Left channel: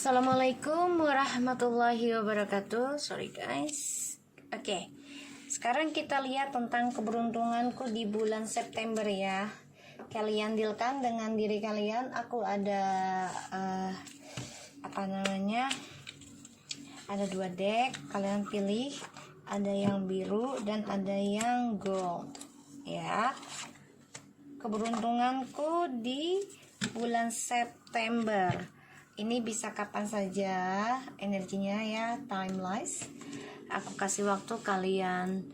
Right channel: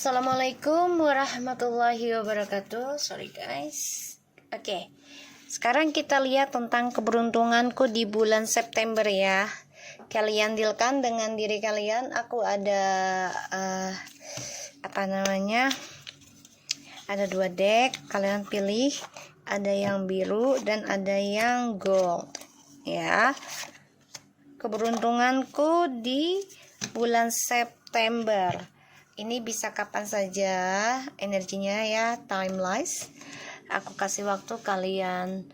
Assalamualaikum warahmatullahi wabarakatuh. Sorry guys. Oke. Sekarang kita lihat tentang keberuntunganku di bulan September ya. Kalian dealkan dengan diri kalian. Aku ada ada 2 deck. Kalian pilih. Ada yang biru dan ada yang gold. Ya. Keberuntunganku di bulan September. Ini bisa kapan saja energinya ya, timeless. Aku kasih waktu kalian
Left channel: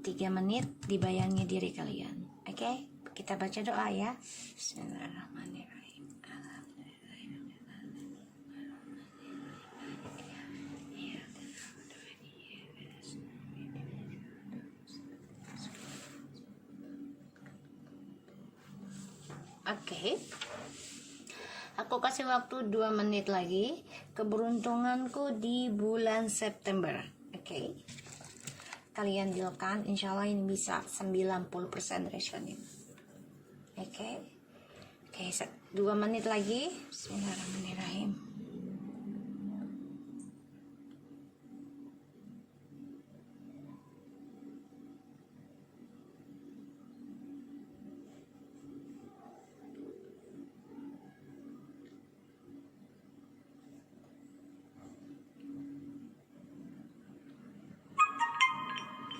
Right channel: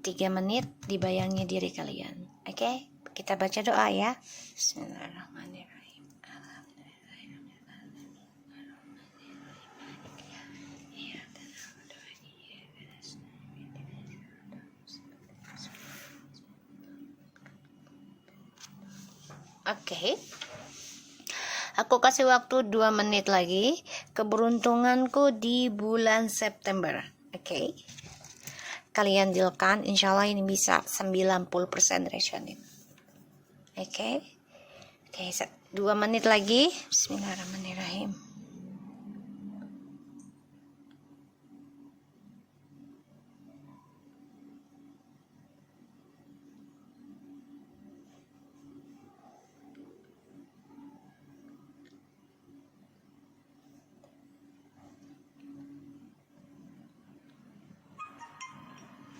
3 menit, dibayangi diri kalian. Oke, kita baca doa ya. Bismillahirrahmanirrahim. Oke. Aku kasih waktu 2 menit lagi. Keberuntunganku di bulan September. Oke. Kalian dealkan, insya Allah ini bisa 90% resonate. Oke. 2 menit lagi. Bismillahirrahmanirrahim.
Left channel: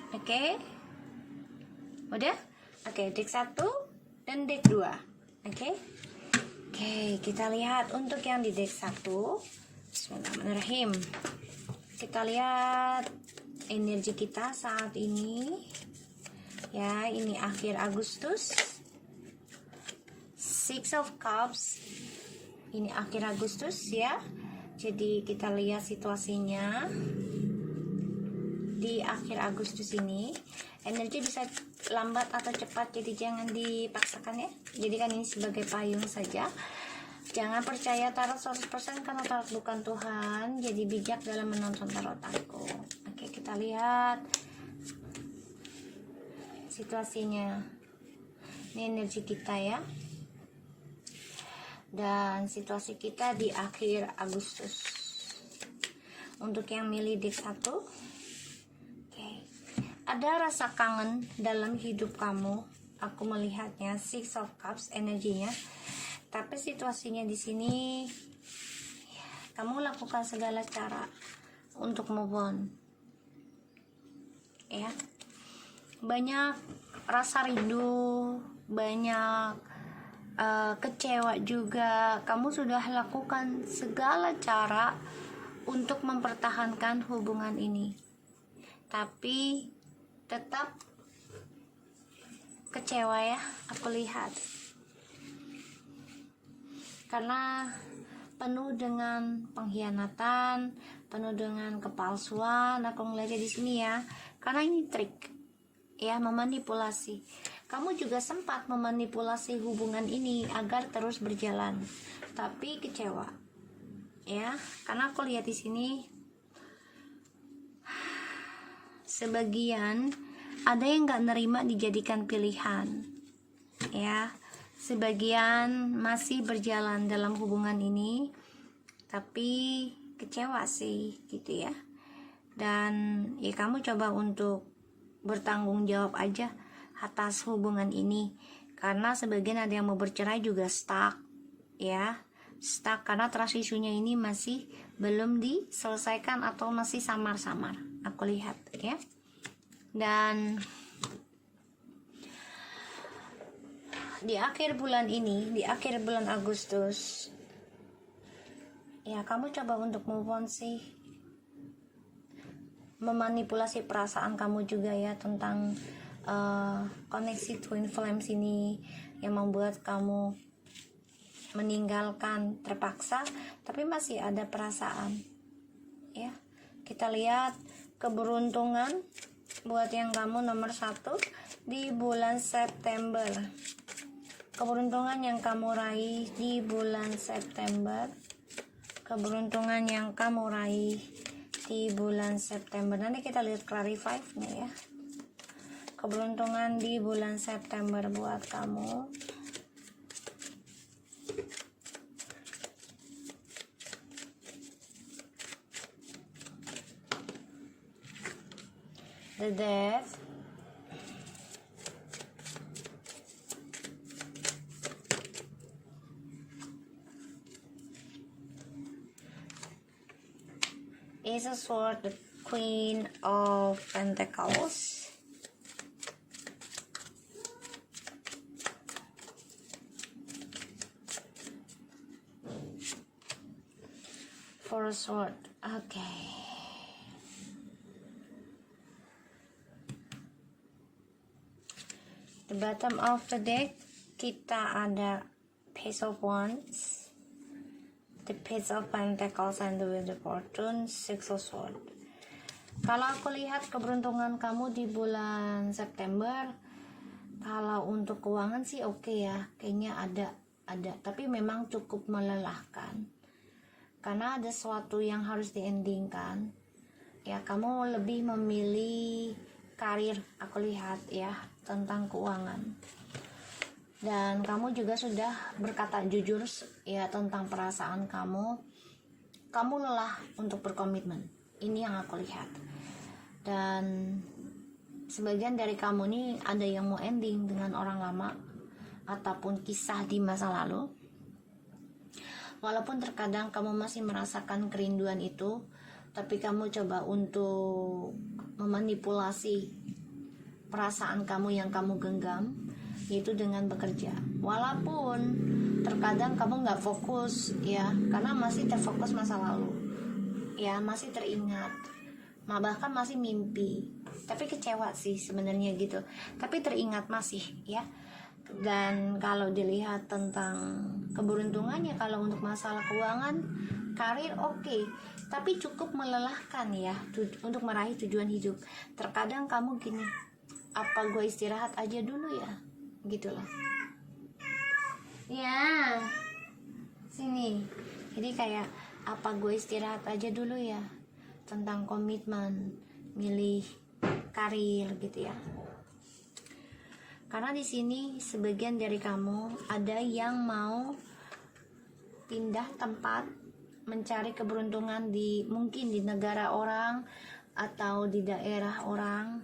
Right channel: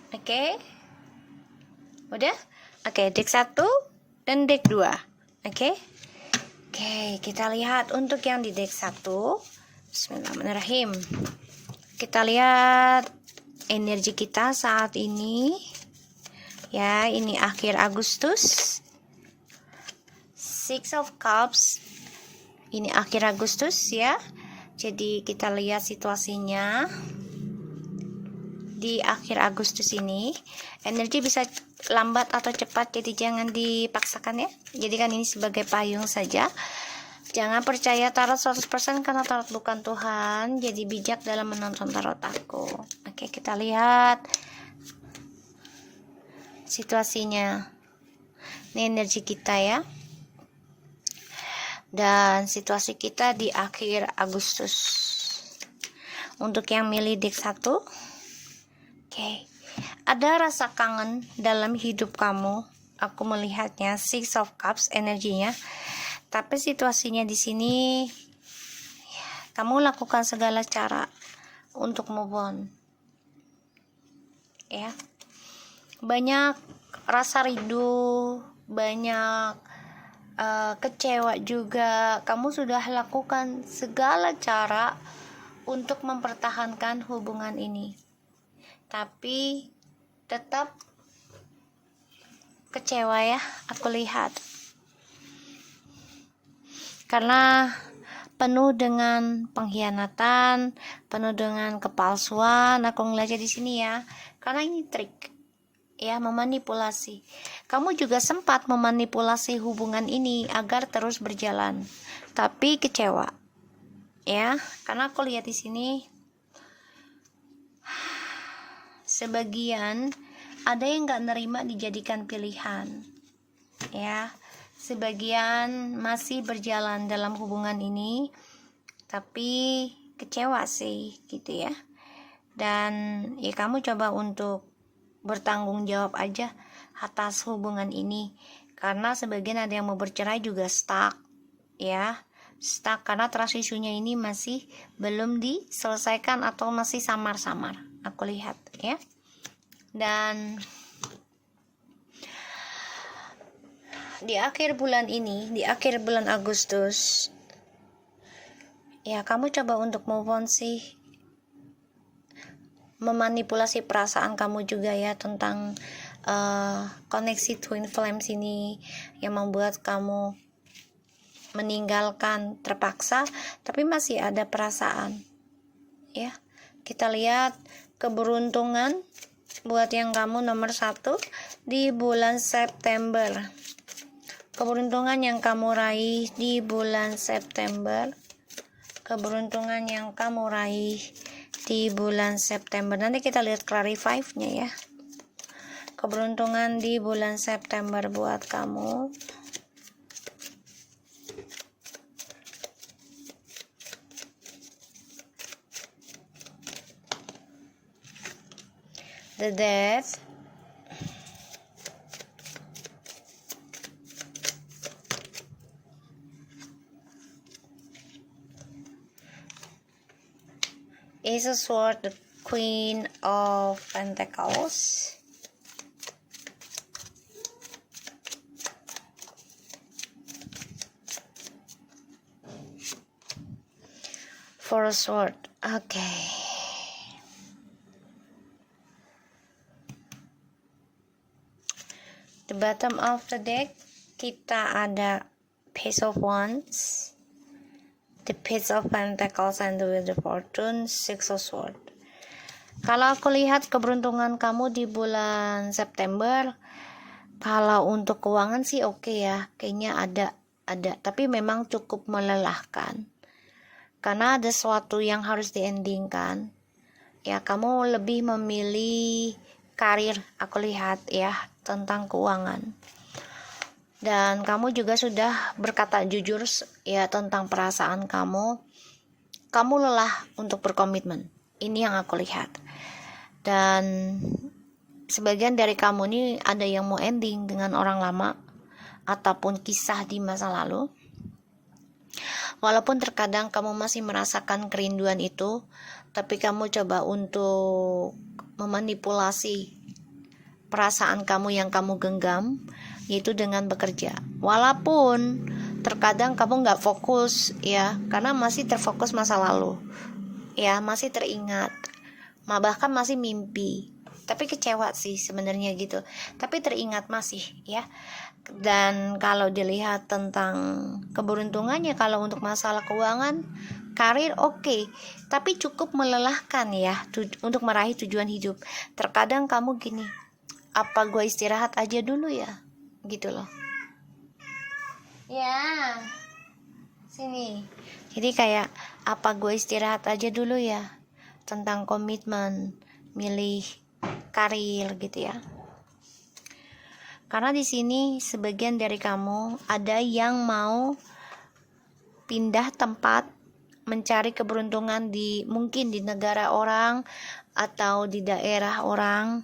Oke. Udah? Oke, deck 1 dan deck 2. Oke, kita lihat untuk yang di deck 1. Bismillahirrahmanirrahim. Kita lihat energi kita saat ini. Ya, ini akhir Agustus. Six of Cups. Ini akhir Agustus ya. Jadi kita lihat situasinya. Di akhir Agustus ini energi bisa lambat atau cepat, jadi jangan dipaksakan ya. Jadi kan ini sebagai payung saja. Jangan percaya tarot 100% karena tarot bukan Tuhan. Jadi bijak dalam menonton tarot aku. Oke, kita lihat situasinya. Ini energi kita ya. Dan situasi kita di akhir Agustus. Untuk yang milih deck 1, ada rasa kangen dalam hidup kamu. Aku melihatnya Six of Cups energinya. Tapi situasinya di sini kamu lakukan segala cara untuk move on. Ya. Banyak rasa rindu, banyak kecewa juga. Kamu sudah lakukan segala cara untuk mempertahankan hubungan ini. Tapi tetap kecewa ya, aku lihat. Karena penuh dengan pengkhianatan, penuh dengan kepalsuan. Aku ngeliatnya di sini ya. Karena ini trik. Ya, memanipulasi. Kamu juga sempat memanipulasi hubungan ini agar terus berjalan. Tapi kecewa. Ya, karena aku lihat di sini sebagian ada yang gak nerima dijadikan pilihan ya, sebagian masih berjalan dalam hubungan ini tapi kecewa sih gitu ya. Dan ya kamu coba untuk bertanggung jawab aja atas hubungan ini, karena sebagian ada yang mau bercerai juga stuck ya, stuck karena trust issue-nya ini masih belum diselesaikan atau masih samar-samar. Aku lihat ya. Dan di akhir bulan ini, di akhir bulan Agustus ya, kamu coba untuk move on sih. Memanipulasi perasaan kamu juga ya tentang koneksi twin flames ini yang membuat kamu meninggalkan terpaksa, tapi masih ada perasaan ya. Kita lihat keberuntungan buat yang kamu nomor 1 di bulan September. Keberuntungan yang kamu raih di bulan September. Keberuntungan yang kamu raih di bulan September. Nanti kita lihat clarify-nya ya. Keberuntungan di bulan September buat kamu. The Death, Ace of Swords, the Queen of Pentacles, Four of Swords. Okay. The bottom of the deck, kita ada Page of Wands, the Page of Pentacles, and the Wheel of Fortune, Six of Swords. Kalau aku lihat keberuntungan kamu di bulan September, kalau untuk keuangan sih oke ya, kayaknya ada, tapi memang cukup melelahkan. Karena ada sesuatu yang harus diendingkan. Ya, kamu lebih memilih karir, aku lihat ya, tentang keuangan. Dan kamu juga sudah berkata jujur ya tentang perasaan kamu. Kamu lelah untuk berkomitmen. Ini yang aku lihat. Dan sebagian dari kamu ini ada yang mau ending dengan orang lama ataupun kisah di masa lalu. Walaupun terkadang kamu masih merasakan kerinduan itu, tapi kamu coba untuk memanipulasi perasaan kamu yang kamu genggam, yaitu dengan bekerja. Walaupun terkadang kamu nggak fokus ya, karena masih terfokus masa lalu ya, masih teringat, bahkan masih mimpi, tapi kecewa sih sebenarnya gitu, tapi teringat masih ya. Dan kalau dilihat tentang keberuntungannya, kalau untuk masalah keuangan, karir oke, tapi cukup melelahkan ya untuk meraih tujuan hidup. Terkadang kamu gini, apa gue istirahat aja dulu ya, gitu loh ya, sini. Jadi kayak, apa gue istirahat aja dulu ya tentang komitmen milih karir gitu ya. Karena di sini sebagian dari kamu ada yang mau pindah tempat, mencari keberuntungan mungkin di negara orang atau di daerah orang,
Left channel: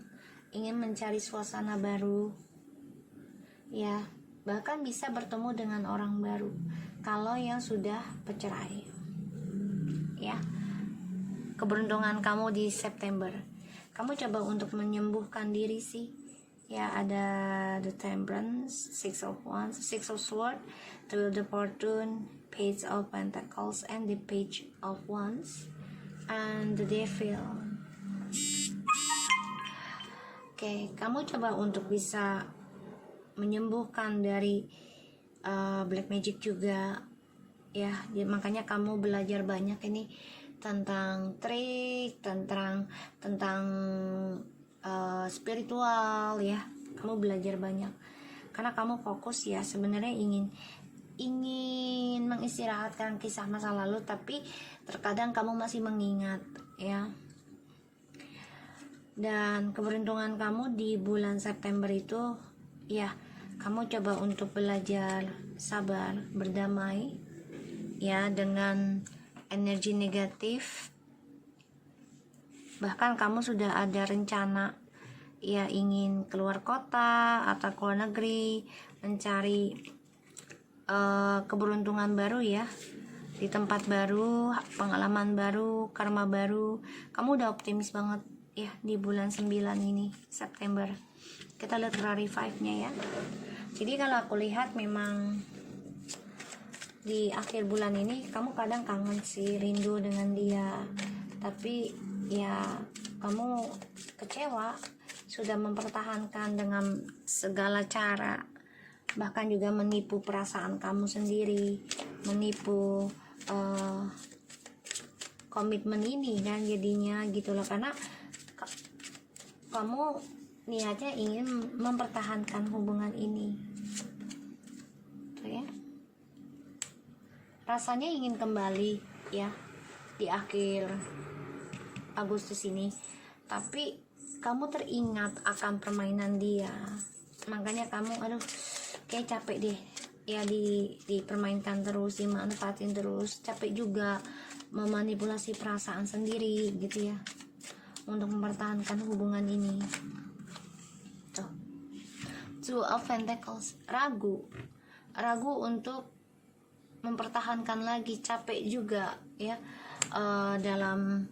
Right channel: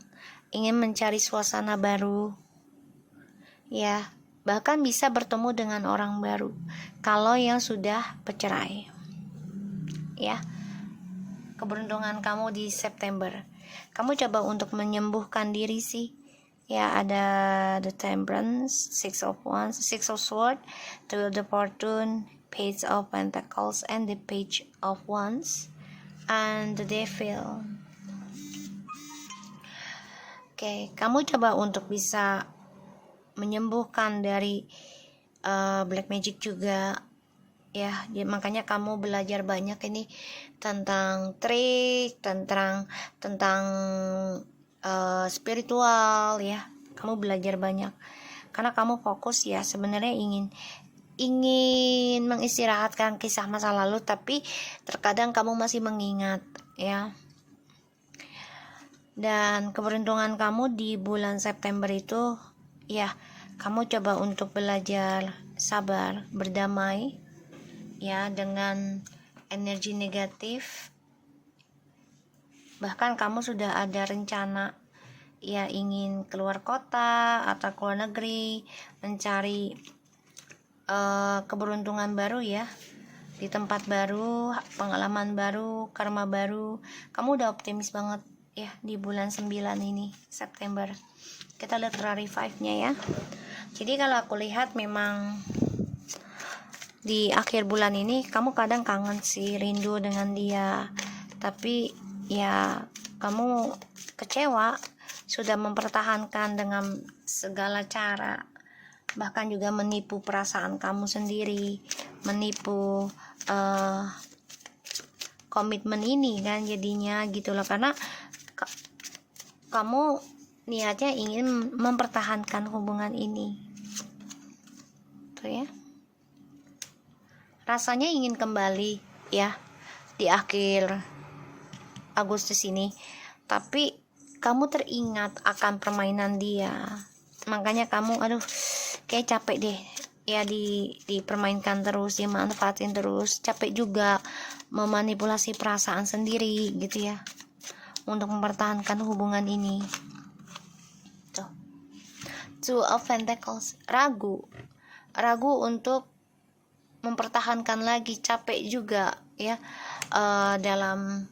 ingin mencari suasana baru ya, bahkan bisa bertemu dengan orang baru kalau yang sudah bercerai ya. Keberuntungan kamu di September, kamu coba untuk menyembuhkan diri sih ya. Ada the Temperance, Six of Wands, Six of Swords, the Wheel of Fortune, Page of Pentacles, and the Page of Wands, and the Devil. Oke, kamu coba untuk bisa menyembuhkan dari black magic juga ya. Makanya kamu belajar banyak ini tentang trik, tentang spiritual ya. Kamu belajar banyak karena kamu fokus ya, sebenarnya ingin mengistirahatkan kisah masa lalu, tapi terkadang kamu masih mengingat ya. Dan keberuntungan kamu di bulan September itu ya, kamu coba untuk belajar sabar, berdamai ya dengan energi negatif. Bahkan kamu sudah ada rencana ya, ingin keluar kota atau keluar negeri, mencari keberuntungan baru ya, di tempat baru, pengalaman baru, karma baru. Kamu udah optimis banget ya di bulan 9 ini, September. Kita lihat clarify nya ya. Jadi kalau aku lihat memang di akhir bulan ini kamu kadang kangen sih, rindu dengan dia, tapi ya kamu kecewa, sudah mempertahankan dengan segala cara, bahkan juga menipu perasaan kamu sendiri, menipu komitmen ini kan jadinya gitu loh. Karena kamu niatnya ingin mempertahankan hubungan ini tuh ya, rasanya ingin kembali ya di akhir Agustus ini, tapi kamu teringat akan permainan dia. Makanya kamu kayak capek deh ya, dipermainkan terus, dimanfaatin terus, capek juga memanipulasi perasaan sendiri gitu ya. untuk mempertahankan hubungan ini. Tuh, Two of Pentacles, ragu untuk mempertahankan lagi, capek juga ya dalam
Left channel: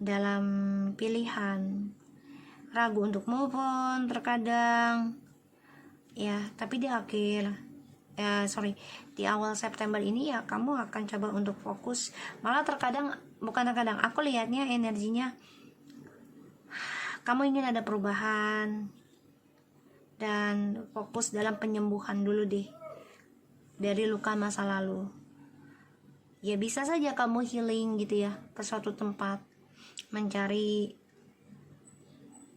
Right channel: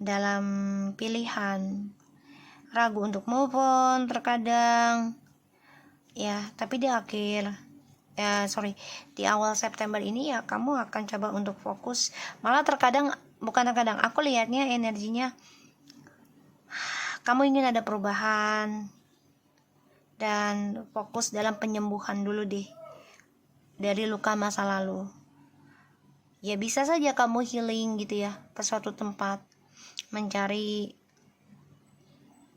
dalam pilihan, ragu untuk move on terkadang ya. Tapi di awal September ini ya kamu akan coba untuk fokus, malah aku lihatnya energinya kamu ingin ada perubahan dan fokus dalam penyembuhan dulu deh dari luka masa lalu. Ya bisa saja kamu healing gitu ya ke suatu tempat, mencari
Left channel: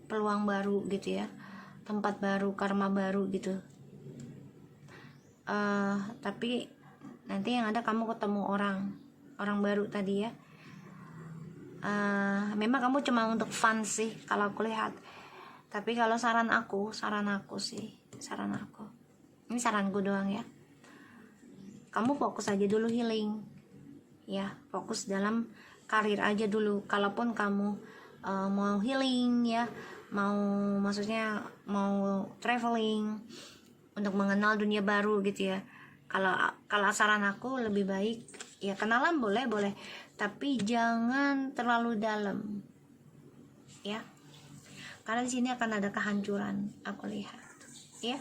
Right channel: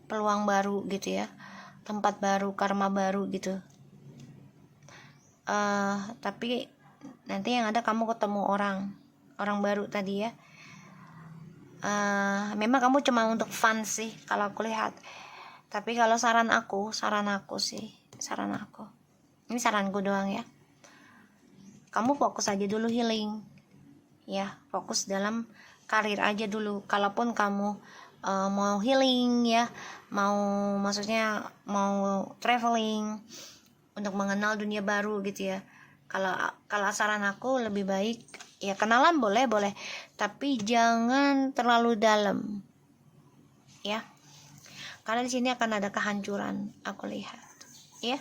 peluang baru gitu ya, tempat baru, karma baru gitu. Tapi nanti yang ada kamu ketemu orang baru tadi ya. Memang kamu cuma untuk fun sih kalau aku lihat. Tapi kalau saran aku ini saranku doang ya, kamu fokus aja dulu healing ya, fokus dalam karir aja dulu. Kalaupun kamu mau healing ya, maksudnya mau traveling untuk mengenal dunia baru gitu ya, kalau saran aku lebih baik ya kenalan boleh, tapi jangan terlalu dalam ya, karena di sini akan ada kehancuran aku lihat ya.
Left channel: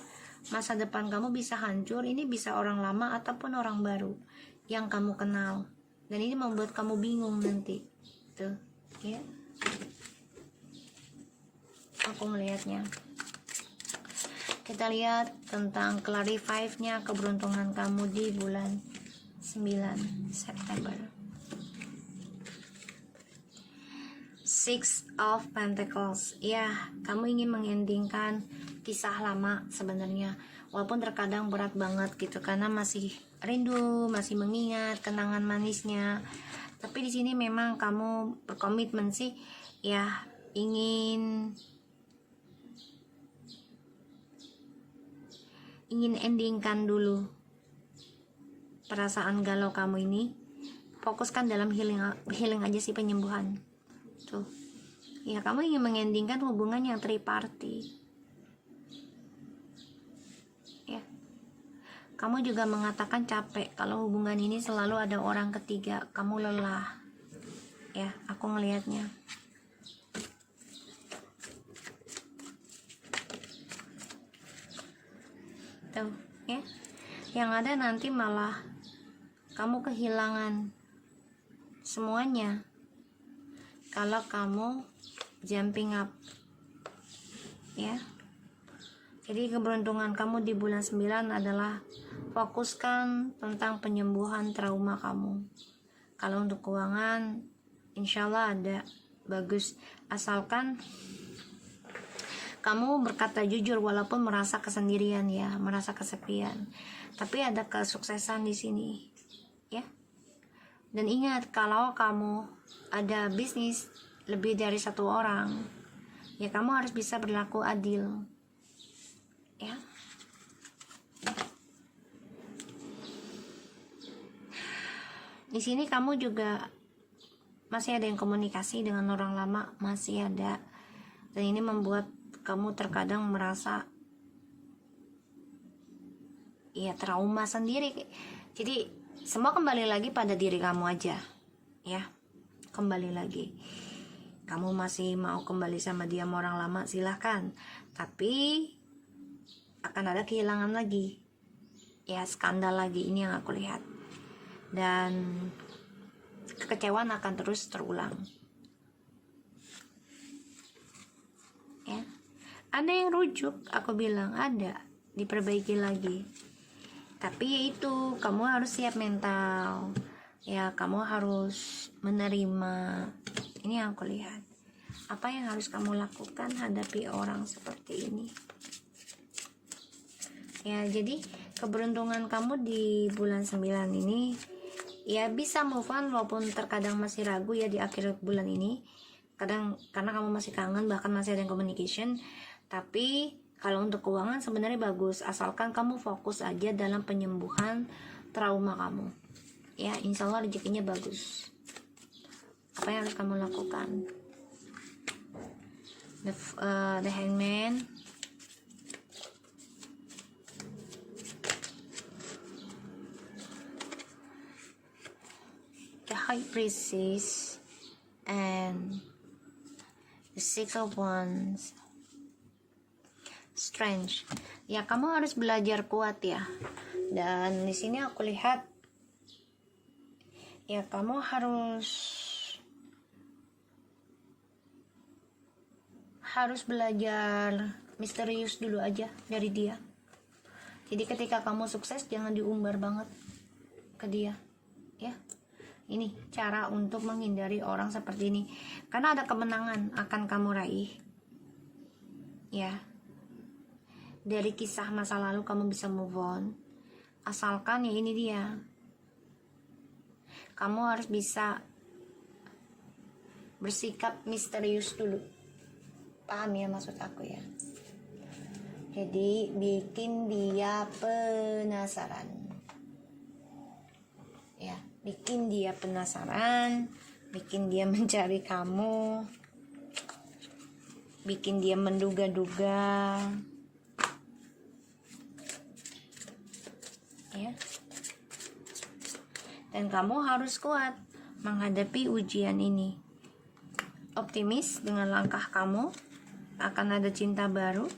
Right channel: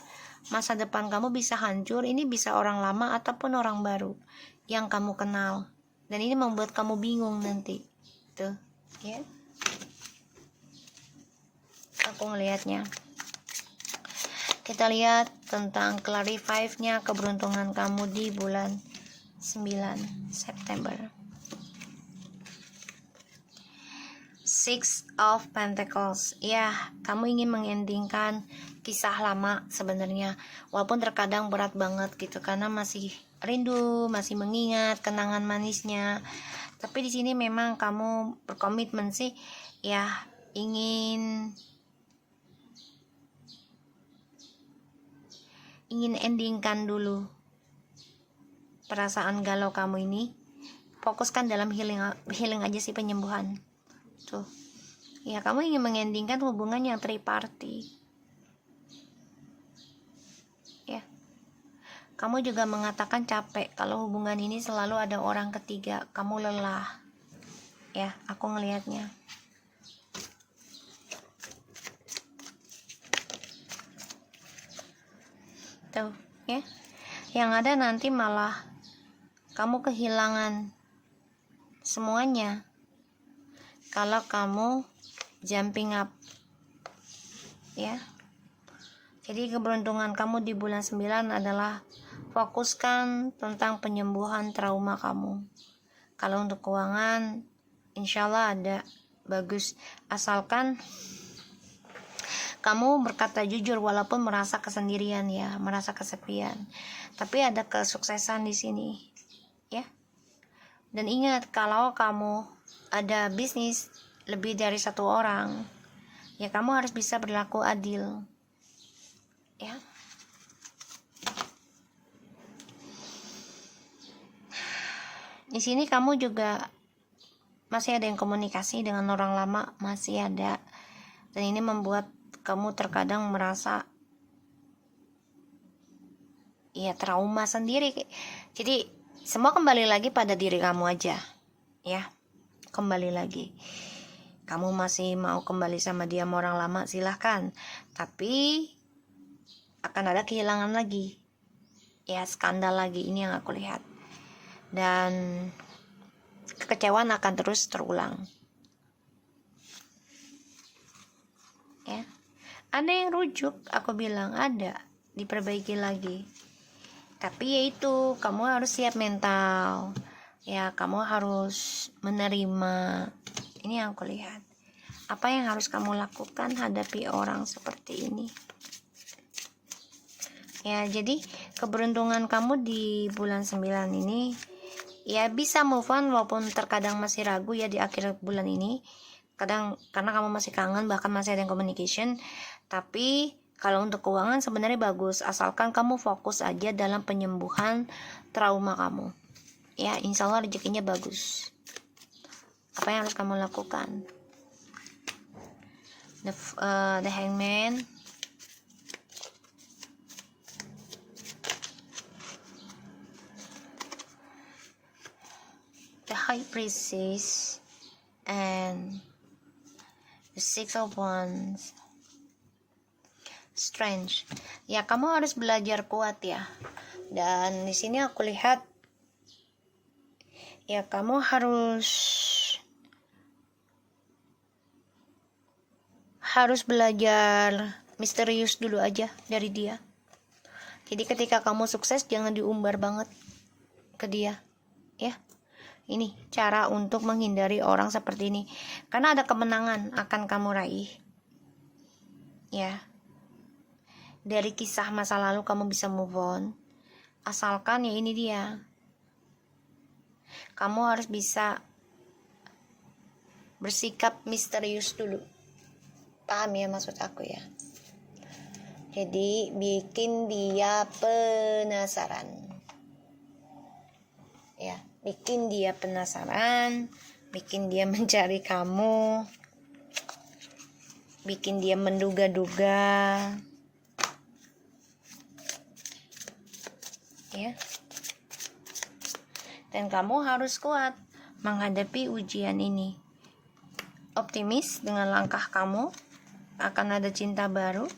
Masa depan kamu bisa hancur, ini bisa orang lama ataupun orang baru yang kamu kenal, dan ini membuat kamu bingung nanti tuh ya, aku ngelihatnya. Kita lihat tentang clarify-nya keberuntungan kamu di bulan 9 September. Six of Pentacles. Ya, kamu ingin mengendingkan kisah lama sebenarnya, walaupun terkadang berat banget gitu karena masih rindu, masih mengingat kenangan manisnya. Tapi di sini memang kamu berkomitmen sih ya, ingin endingkan dulu perasaan galau kamu ini. Fokuskan dalam healing aja sih, penyembuhan tuh ya. Kamu ingin mengendingkan hubungan yang triparty ya. Kamu juga mengatakan capek kalau hubungan ini selalu ada orang ketiga, kamu lelah ya, aku ngelihatnya. Tuh ya, yang ada nanti malah kamu kehilangan semuanya kalau kamu jumping up ya. Jadi keberuntungan kamu di bulan 9 adalah fokuskan tentang penyembuhan trauma kamu. Kalau untuk keuangan insyaallah ada, bagus, asalkan kamu berkata jujur walaupun merasa kesendirian ya, merasa kesepian, tapi ada kesuksesan di sini ya. Dan ingat, kalau kamu ada bisnis lebih dari satu orang ya, kamu harus bisa berlaku adil ya. Di sini kamu juga masih ada yang komunikasi dengan orang lama, masih ada, dan ini membuat kamu terkadang merasa ya trauma sendiri. Jadi semua kembali lagi pada diri kamu aja ya. Kembali lagi, kamu masih mau kembali sama dia, sama orang lama, silahkan, tapi akan ada kehilangan lagi ya, skandal lagi, ini yang aku lihat, dan kekecewaan akan terus terulang ya. Ada yang rujuk, aku bilang ada, diperbaiki lagi, tapi yaitu kamu harus siap mental ya, kamu harus menerima. Ini yang aku lihat, apa yang harus kamu lakukan hadapi orang seperti ini ya. Jadi keberuntungan kamu di bulan 9 ini ya, bisa move on walaupun terkadang masih ragu ya di akhir bulan ini, kadang karena kamu masih kangen, bahkan masih ada yang communication. Tapi kalau untuk keuangan sebenarnya bagus, asalkan kamu fokus aja dalam penyembuhan trauma kamu ya, insya Allah rezekinya bagus Apa yang harus kamu lakukan? The Hangman, the High Priestess, and the Six of Wands. Strange. Ya, kamu harus belajar kuat ya. Dan di sini aku lihat ya kamu harus belajar misterius dulu aja dari dia. Jadi ketika kamu sukses jangan diumbar banget ke dia, ya. Ini cara untuk menghindari orang seperti ini. Karena ada kemenangan akan kamu raih. Ya. Dari kisah masa lalu kamu bisa move on. Asalkan ya ini dia. Kamu harus bisa bersikap misterius dulu. Paham ya maksud aku ya? Jadi bikin dia penasaran. Ya, bikin dia penasaran, bikin dia mencari kamu, bikin dia menduga-duga. Ya. Dan kamu harus kuat menghadapi ujian ini. Optimis dengan langkah kamu, akan ada cinta baru.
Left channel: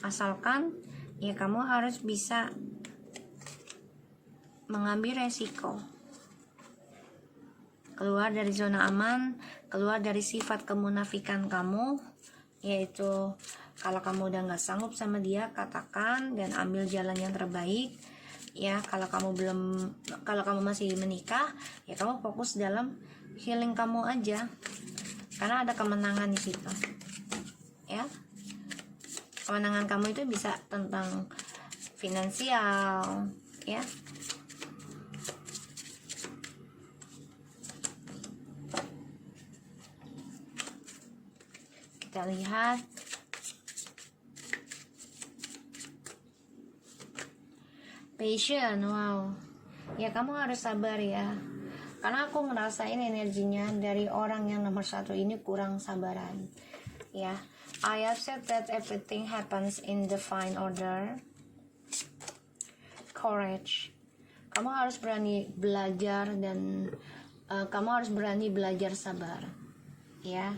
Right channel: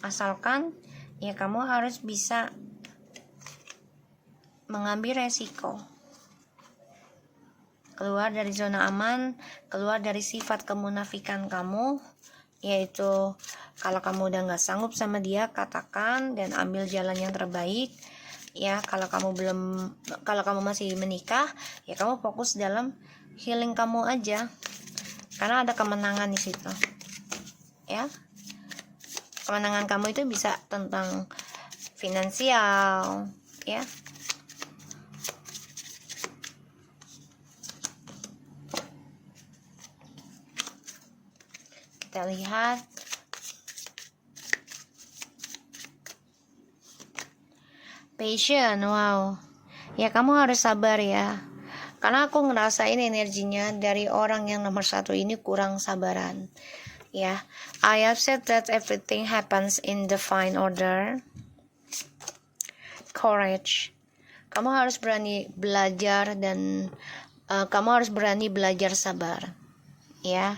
Asalkan ya kamu harus bisa mengambil resiko. Keluar dari zona aman, keluar dari sifat kemunafikan kamu, yaitu kalau kamu udah gak sanggup sama dia, katakan dan ambil jalan yang terbaik. Ya, kalau kamu masih menikah, ya kamu fokus dalam healing kamu aja. Karena ada kemenangan di situ. Ya. Kemenangan kamu itu bisa tentang finansial, ya. Kita lihat passion. Wow. Ya kamu harus sabar ya. Karena aku ngerasain energinya dari orang yang nomor 1 ini kurang sabaran. Ya, I have said that everything happens in divine order. Courage. Kamu harus berani belajar dan kamu harus berani belajar sabar. Ya.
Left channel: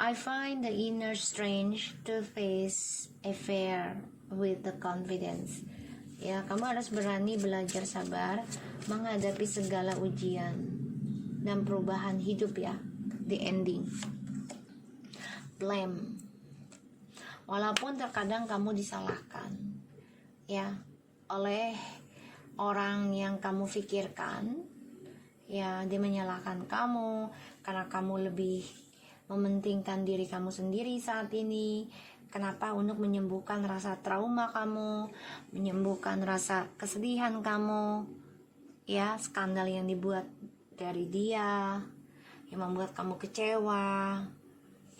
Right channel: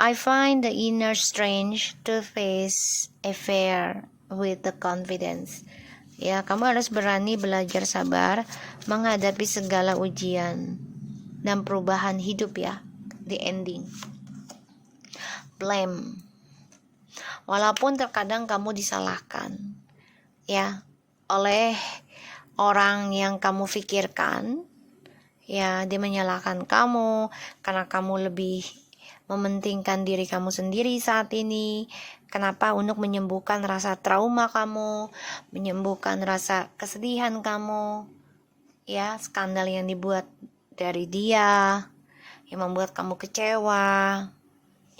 I find the inner strength to face a fear with the confidence. Ya, kamu harus berani belajar sabar menghadapi segala ujian dan perubahan hidup ya. The ending. Blame. Walaupun terkadang kamu disalahkan ya oleh orang yang kamu pikirkan, ya dia menyalahkan kamu karena kamu lebih mementingkan diri kamu sendiri saat ini. Kenapa? Untuk menyembuhkan rasa trauma kamu, menyembuhkan rasa kesedihan kamu, ya, skandal yang dibuat dari dia yang membuat kamu kecewa,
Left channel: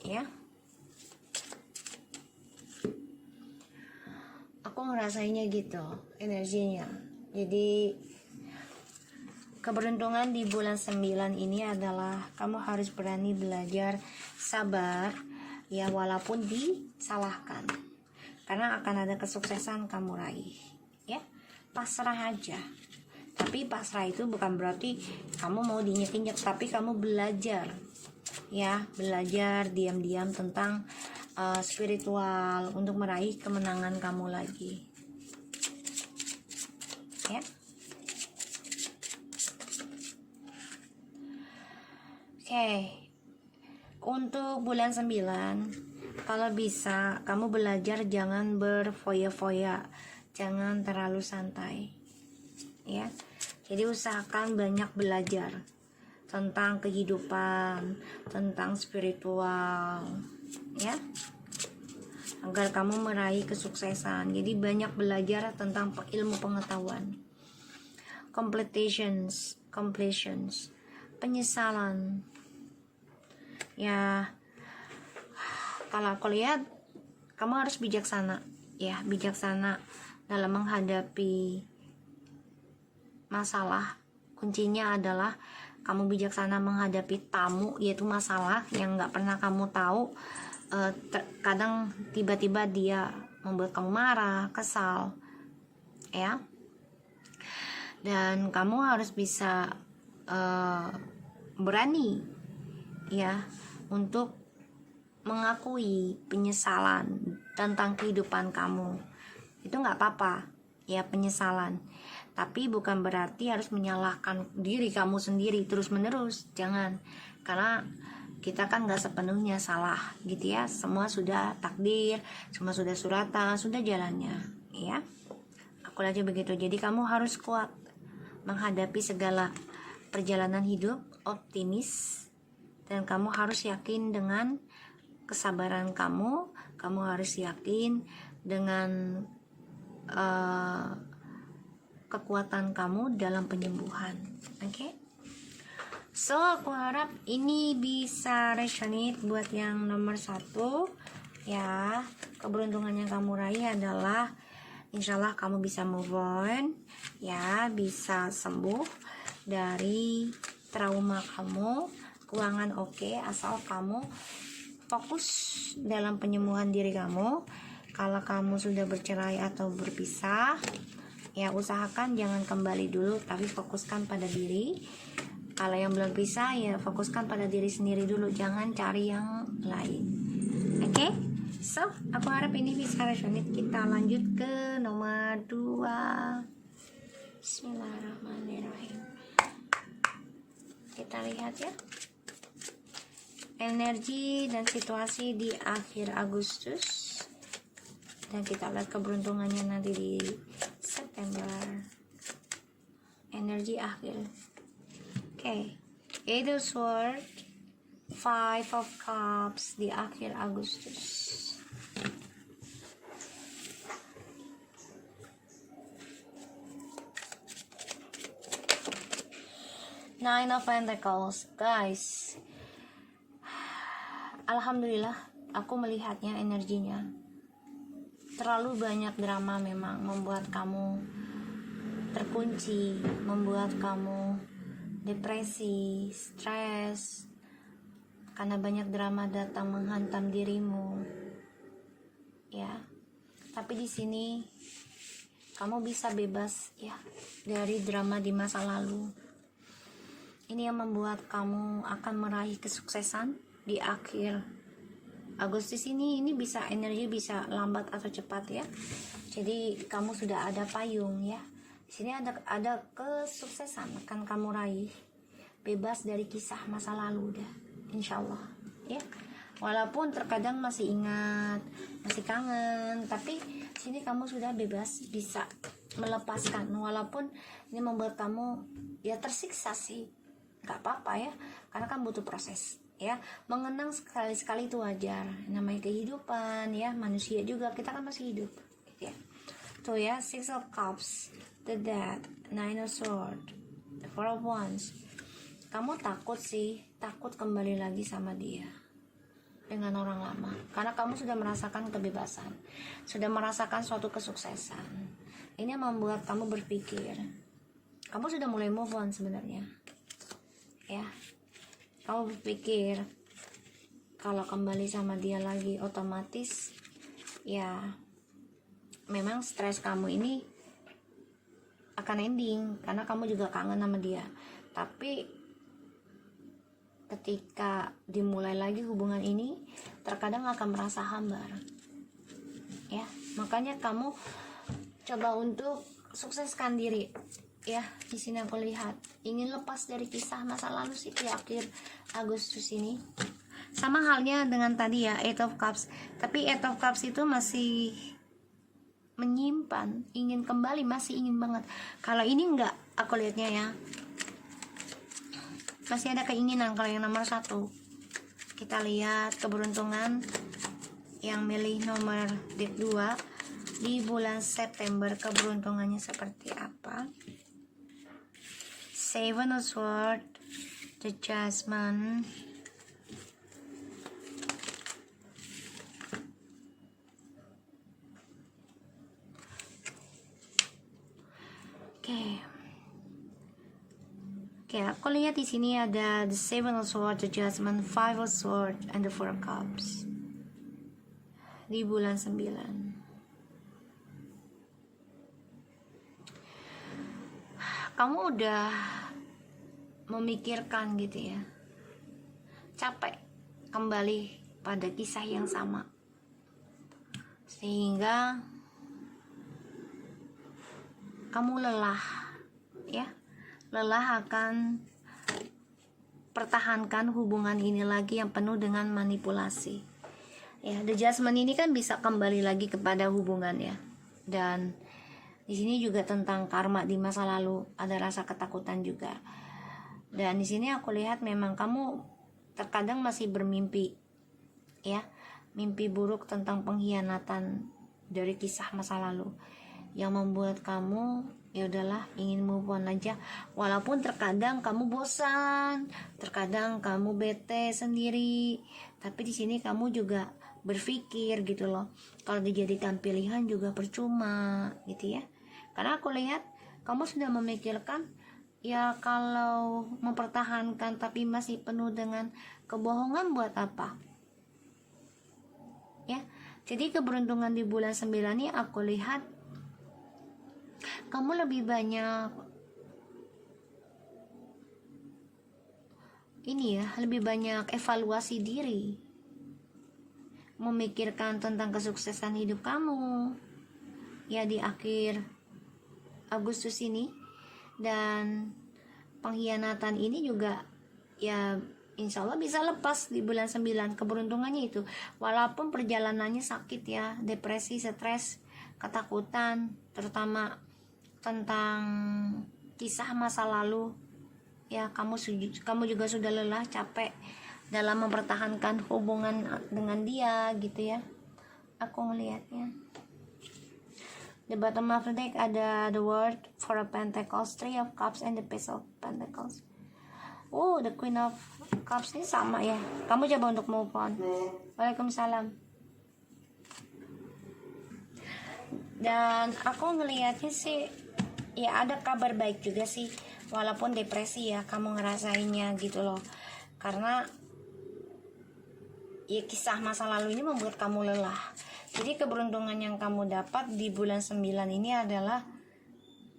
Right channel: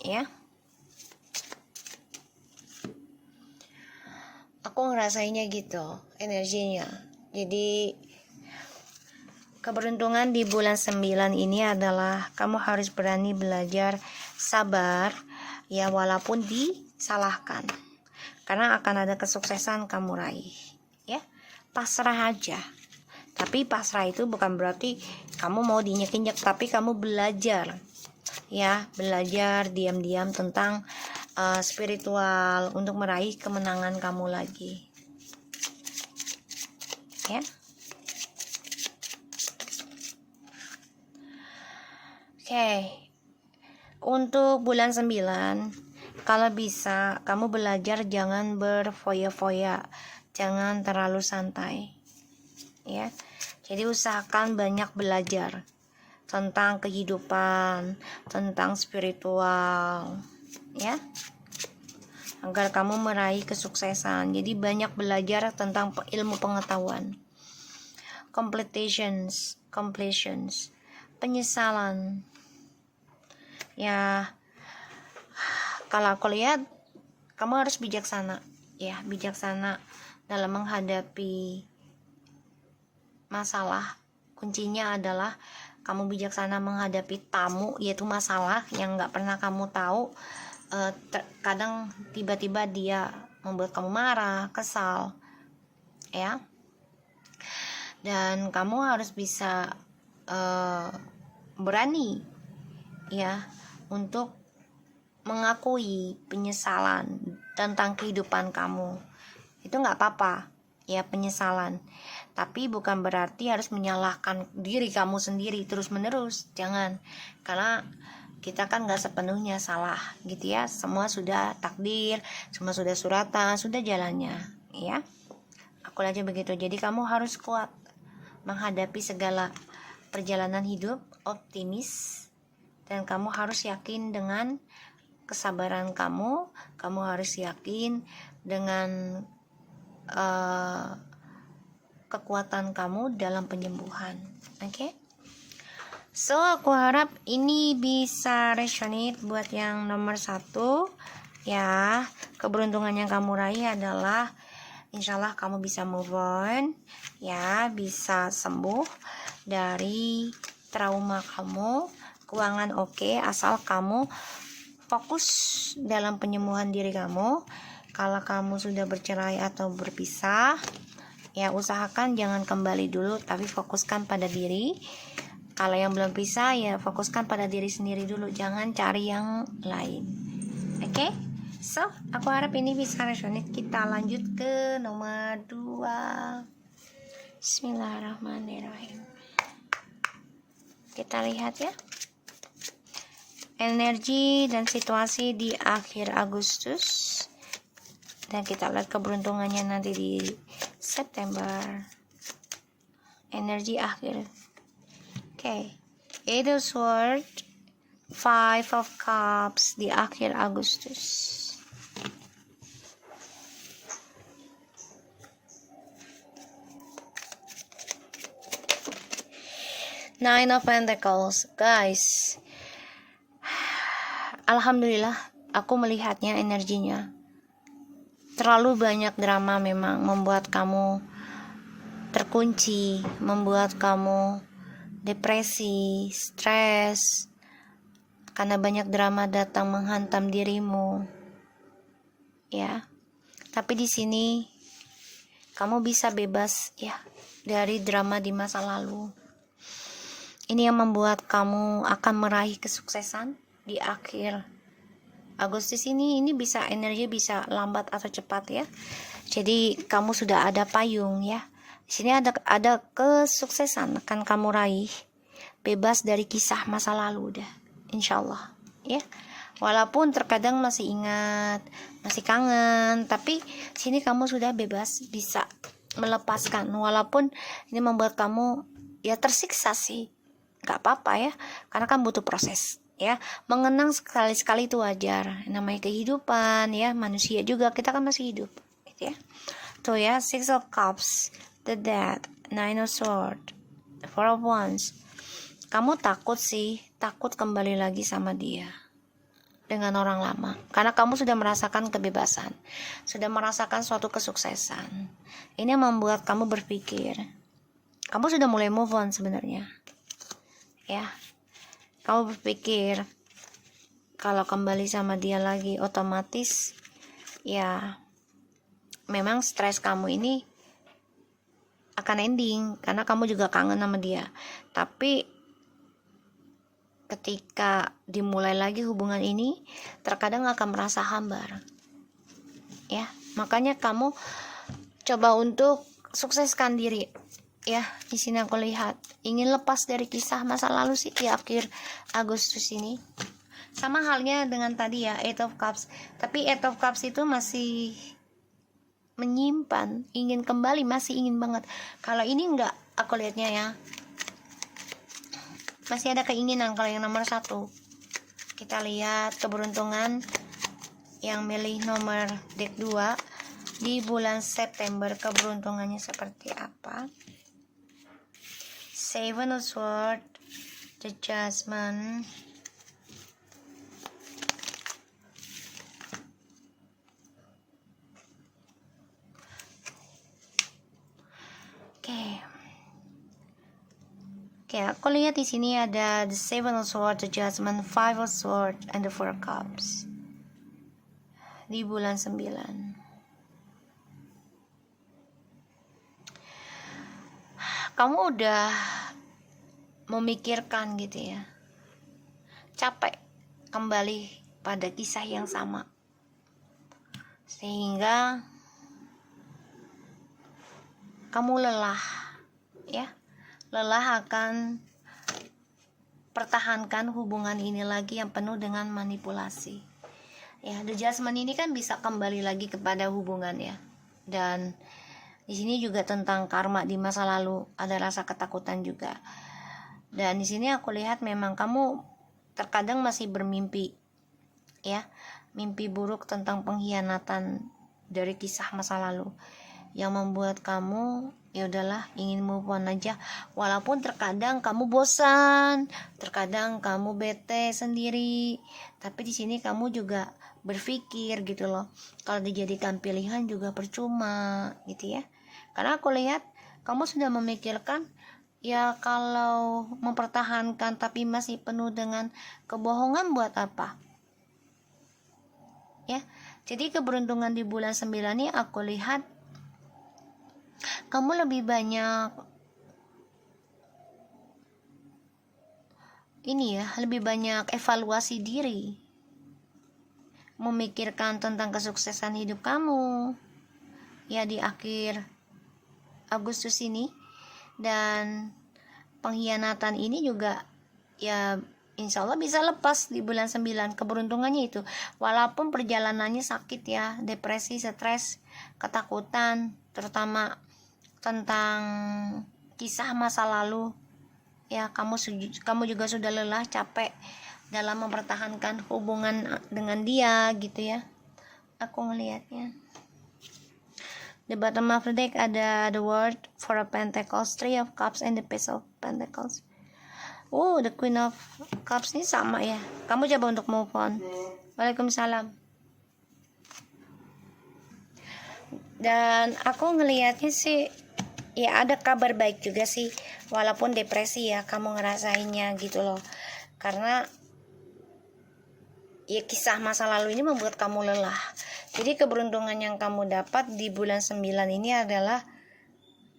ya. Aku ngerasainnya gitu energinya. Jadi keberuntungan di bulan 9 ini adalah kamu harus berani belajar sabar ya walaupun disalahkan. Karena akan ada kesuksesan kamu raih. Ya, pasrah aja. Tapi pasrah itu bukan berarti kamu mau dinyek-nyek, tapi kamu belajar. Ya, belajar diam-diam tentang spiritual untuk meraih kemenangan kamu lagi. Ya. Oke. Untuk bulan 9, kalau bisa kamu belajar jangan berfoya-foya, jangan terlalu santai. Ya. Jadi usahakan banyak belajar tentang kehidupan, tentang spiritual, ya, agar kamu meraih kesuksesan. Jadi banyak belajar tentang ilmu pengetahuan. Completions, penyesalan. Ya, kalau aku lihat kamu harus bijaksana, ya, bijaksana dalam menghadapi masalah. Kuncinya adalah kamu bijaksana menghadapi tamu, yaitu masalah yang nggak pernah kamu tahu. Kadang tiba-tiba dia membuat kamu marah, kesal, ya. Dan kamu harus bisa berani, ya, untuk mengakui penyesalan tentang kehidupan kamu. Itu nggak apa-apa, ya, penyesalan. Tapi bukan berarti harus menyalahkan diri kamu sendiri terus-menerus. Jangan, karena kita kan gak sepenuhnya salah gitu ya. Semua sudah takdir, semua sudah suratan, sudah jalannya, ya. Aku aja begitu. Jadi kamu harus kuat menghadapi segala perjalanan hidup, optimis, dan kamu harus yakin dengan kesabaran kamu. Kamu harus yakin dengan kekuatan kamu dalam penyembuhan. Oke? So, aku harap ini bisa resonate buat yang nomor 1, ya. Keberuntungan yang kamu raih adalah insyaallah kamu bisa move on, ya, bisa sembuh dari trauma kamu. Keuangan oke, asal kamu fokus dalam penyembuhan diri kamu. Kalau kamu sudah bercerai atau berpisah, ya usahakan jangan kembali dulu, tapi fokuskan pada diri. Kalau yang belum bisa, ya fokuskan pada diri sendiri dulu, jangan cari yang lain. Oke? So, aku harap ini bisa resonate. Kita lanjut ke nomor 2. Bismillahirrahmanirrahim. Kita lihat ya, energi dan situasi di akhir Agustus, dan kita lihat keberuntungannya nanti di September. Energi akhir. Okay, 8 of Swords, 5 of Cups di akhir Agustus. Nine of Pentacles, guys. Alhamdulillah, aku melihatnya energinya. Terlalu banyak drama memang membuat kamu terkunci, membuat kamu depresi, stres, karena banyak drama datang menghantam dirimu, ya. Tapi di sini kamu bisa bebas, ya, dari drama di masa lalu. Ini yang membuat kamu akan meraih kesuksesan di akhir Agustus ini bisa energi bisa lambat atau cepat, ya. Jadi kamu sudah ada payung, ya. Di sini ada kesuksesan akan kamu raih, bebas dari kisah masa lalu dah, insyaallah, ya. Walaupun terkadang masih ingat, masih kangen, tapi sini kamu sudah bebas, bisa melepaskan. Walaupun ini membuat kamu ya tersiksa sih, nggak apa-apa ya, karena kan butuh proses, ya. Mengenang sekali-sekali itu wajar, namanya kehidupan, ya. Manusia juga, kita kan masih hidup, gitu ya. Tuh ya, 6 of Cups, the Death, 9 of Swords, 4 of Wands. Kamu takut sih, takut kembali lagi sama dia dengan orang lama, karena kamu sudah merasakan kebebasan, sudah merasakan suatu kesuksesan. Ini membuat kamu berpikir, kamu sudah mulai move on sebenarnya, ya. Kamu berpikir kalau kembali sama dia lagi, otomatis ya memang stres kamu ini akan ending, karena kamu juga kangen sama dia. Tapi ketika dimulai lagi hubungan ini, terkadang akan merasa hambar, ya. Makanya kamu coba untuk sukseskan diri, ya. Di sini aku lihat ingin lepas dari kisah masa lalu sih di akhir Agustus ini. Sama halnya dengan tadi ya, 8 of Cups. Tapi 8 of Cups itu masih menyimpan, ingin kembali, masih ingin banget. Kalau ini enggak, aku lihatnya ya, masih ada keinginan. Kalau yang nomor 1, kita lihat keberuntungan yang milih nomor deck 2 di bulan September, keberuntungannya seperti apa. 7 of Swords, the Judgment, Oke, Aku lihat di sini ada the Seven of Swords, the Judgment, Five of Swords, and the Four of Cups. Di bulan 9. Kamu udah memikirkan gitu ya. Capek kembali pada kisah yang sama. Sehingga kamu lelah, ya. Lelah akan pertahankan hubungan ini lagi yang penuh dengan manipulasi. Ya, the Judgment ini kan bisa kembali lagi kepada hubungan ya. Dan di sini juga tentang karma di masa lalu, ada rasa ketakutan juga. Dan di sini aku lihat memang kamu terkadang masih bermimpi, ya, mimpi buruk tentang pengkhianatan dari kisah masa lalu yang membuat kamu ya udahlah ingin move on aja, walaupun terkadang kamu bosan, terkadang kamu bete sendiri, tapi di sini kamu juga berpikir gitu loh, kalau dijadikan pilihan juga percuma gitu ya. Karena aku lihat kamu sudah memikirkan ya, kalau mempertahankan tapi masih penuh dengan kebohongan buat apa ya. Jadi keberuntungan di bulan 9 ini aku lihat kamu lebih banyak ini ya, lebih banyak evaluasi diri, memikirkan tentang kesuksesan hidup kamu ya di akhir Agustus ini. Dan pengkhianatan ini juga ya insya Allah bisa lepas di bulan 9, keberuntungannya itu, walaupun perjalanannya sakit ya, depresi, stres, ketakutan, terutama tentang kisah masa lalu ya. Kamu juga sudah lelah, capek dalam mempertahankan hubungan dengan dia gitu ya, aku ngelihatnya. The bottom of the deck ada the World, Four of Pentacles, Three of Cups, and the Page of Pentacles. The Queen of Cups ini sama ya, kamu coba untuk move on. Waalaikumsalam. Dan aku ngelihatnya sih ya ada kabar baik juga sih, walaupun depresi ya kamu ngerasainnya gitu loh, karena ya kisah masa lalu ini membuat kamu lelah. Jadi keberuntungan yang kamu dapat di bulan 9 ini adalah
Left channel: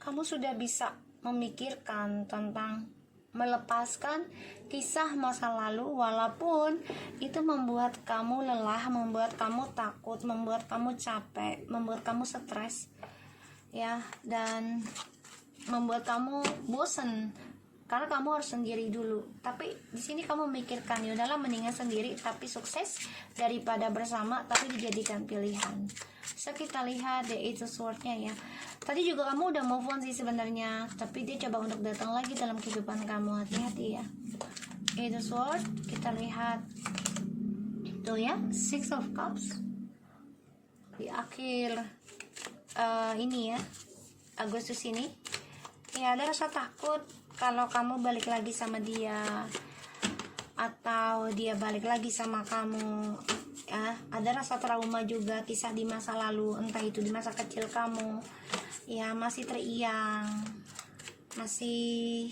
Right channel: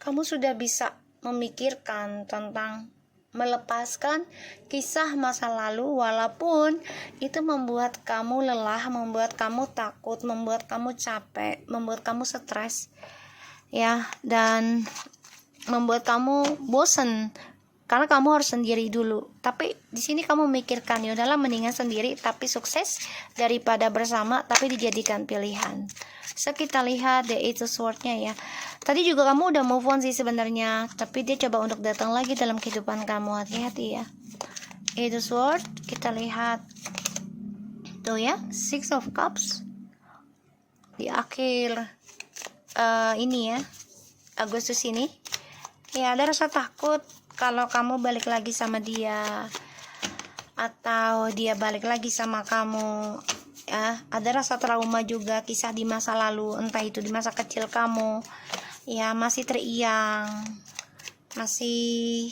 kamu sudah bisa memikirkan tentang melepaskan kisah masa lalu, walaupun itu membuat kamu lelah, membuat kamu takut, membuat kamu capek, membuat kamu stres ya, dan membuat kamu bosen karena kamu harus sendiri dulu. Tapi di sini kamu mikirkan ya udahlah mendingan sendiri tapi sukses daripada bersama tapi dijadikan pilihan. So kita lihat the Eight of Swords-nya ya. Tadi juga kamu udah move on sih sebenarnya, tapi dia coba untuk datang lagi dalam kehidupan kamu, hati-hati ya. Eight of Swords, kita lihat tuh ya, Six of Cups di akhir ini ya, Agustus ini ya, ada rasa takut kalau kamu balik lagi sama dia atau dia balik lagi sama kamu ya. Ada rasa trauma juga, kisah di masa lalu, entah itu di masa kecil kamu ya, masih teriang, masih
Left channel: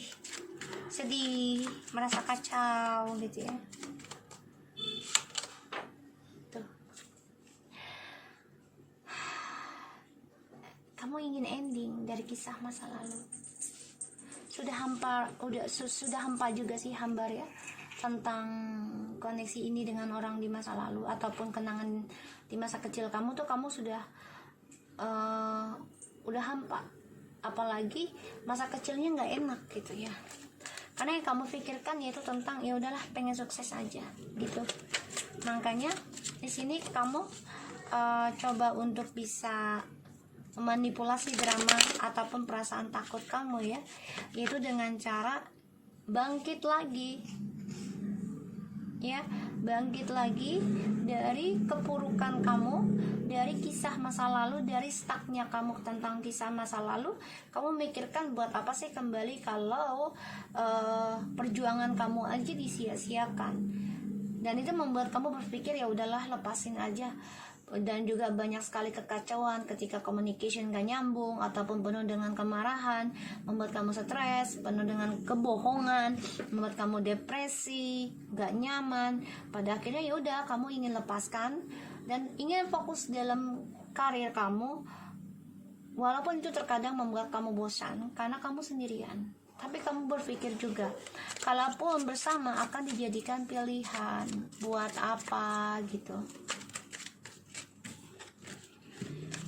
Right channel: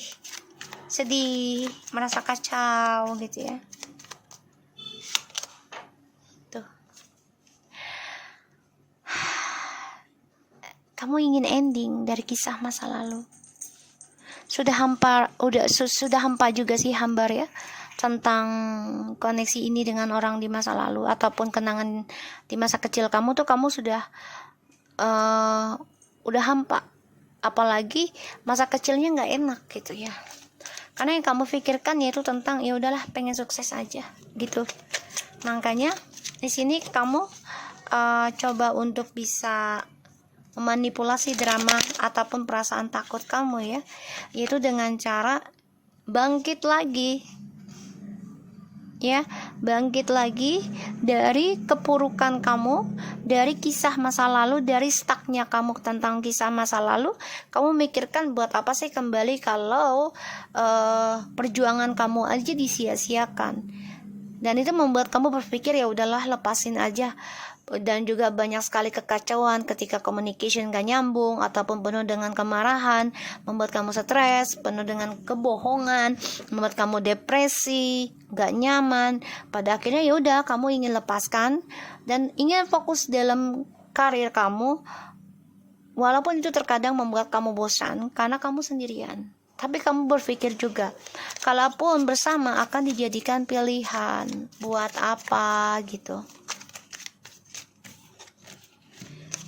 sedih, merasa kacau gitu ya. Tuh, kamu ingin ending dari kisah masa lalu. Sudah hampa juga sih, hambar ya, tentang koneksi ini dengan orang di masa lalu ataupun kenangan di masa kecil kamu tuh, kamu sudah udah hampa. Apalagi masa kecilnya nggak enak gitu ya, karena yang kamu pikirkan yaitu tentang ya udahlah pengen sukses aja gitu. Makanya di sini kamu coba untuk bisa memanipulasi drama ataupun perasaan takut kamu ya, yaitu dengan cara bangkit lagi ya, bangkit lagi dari kepurukan kamu, dari kisah masa lalu, dari stucknya kamu tentang kisah masa lalu. Kamu mikirkan buat apa sih kembali kalau perjuangan kamu aja disia-siakan, dan itu membuat kamu berpikir ya udahlah lepasin aja dan juga banyak sekali kekacauan ketika communication gak nyambung ataupun penuh dengan kemarahan, membuat kamu stres, penuh dengan kebohongan, membuat kamu depresi, gak nyaman. Pada akhirnya ya udah, kamu ingin lepaskan dan ingin fokus dalam karir kamu, walaupun itu terkadang membuat kamu bosan karena kamu sendirian. Tapi kamu berpikir juga, kalaupun bersama akan dijadikan pilihan, buat apa gitu.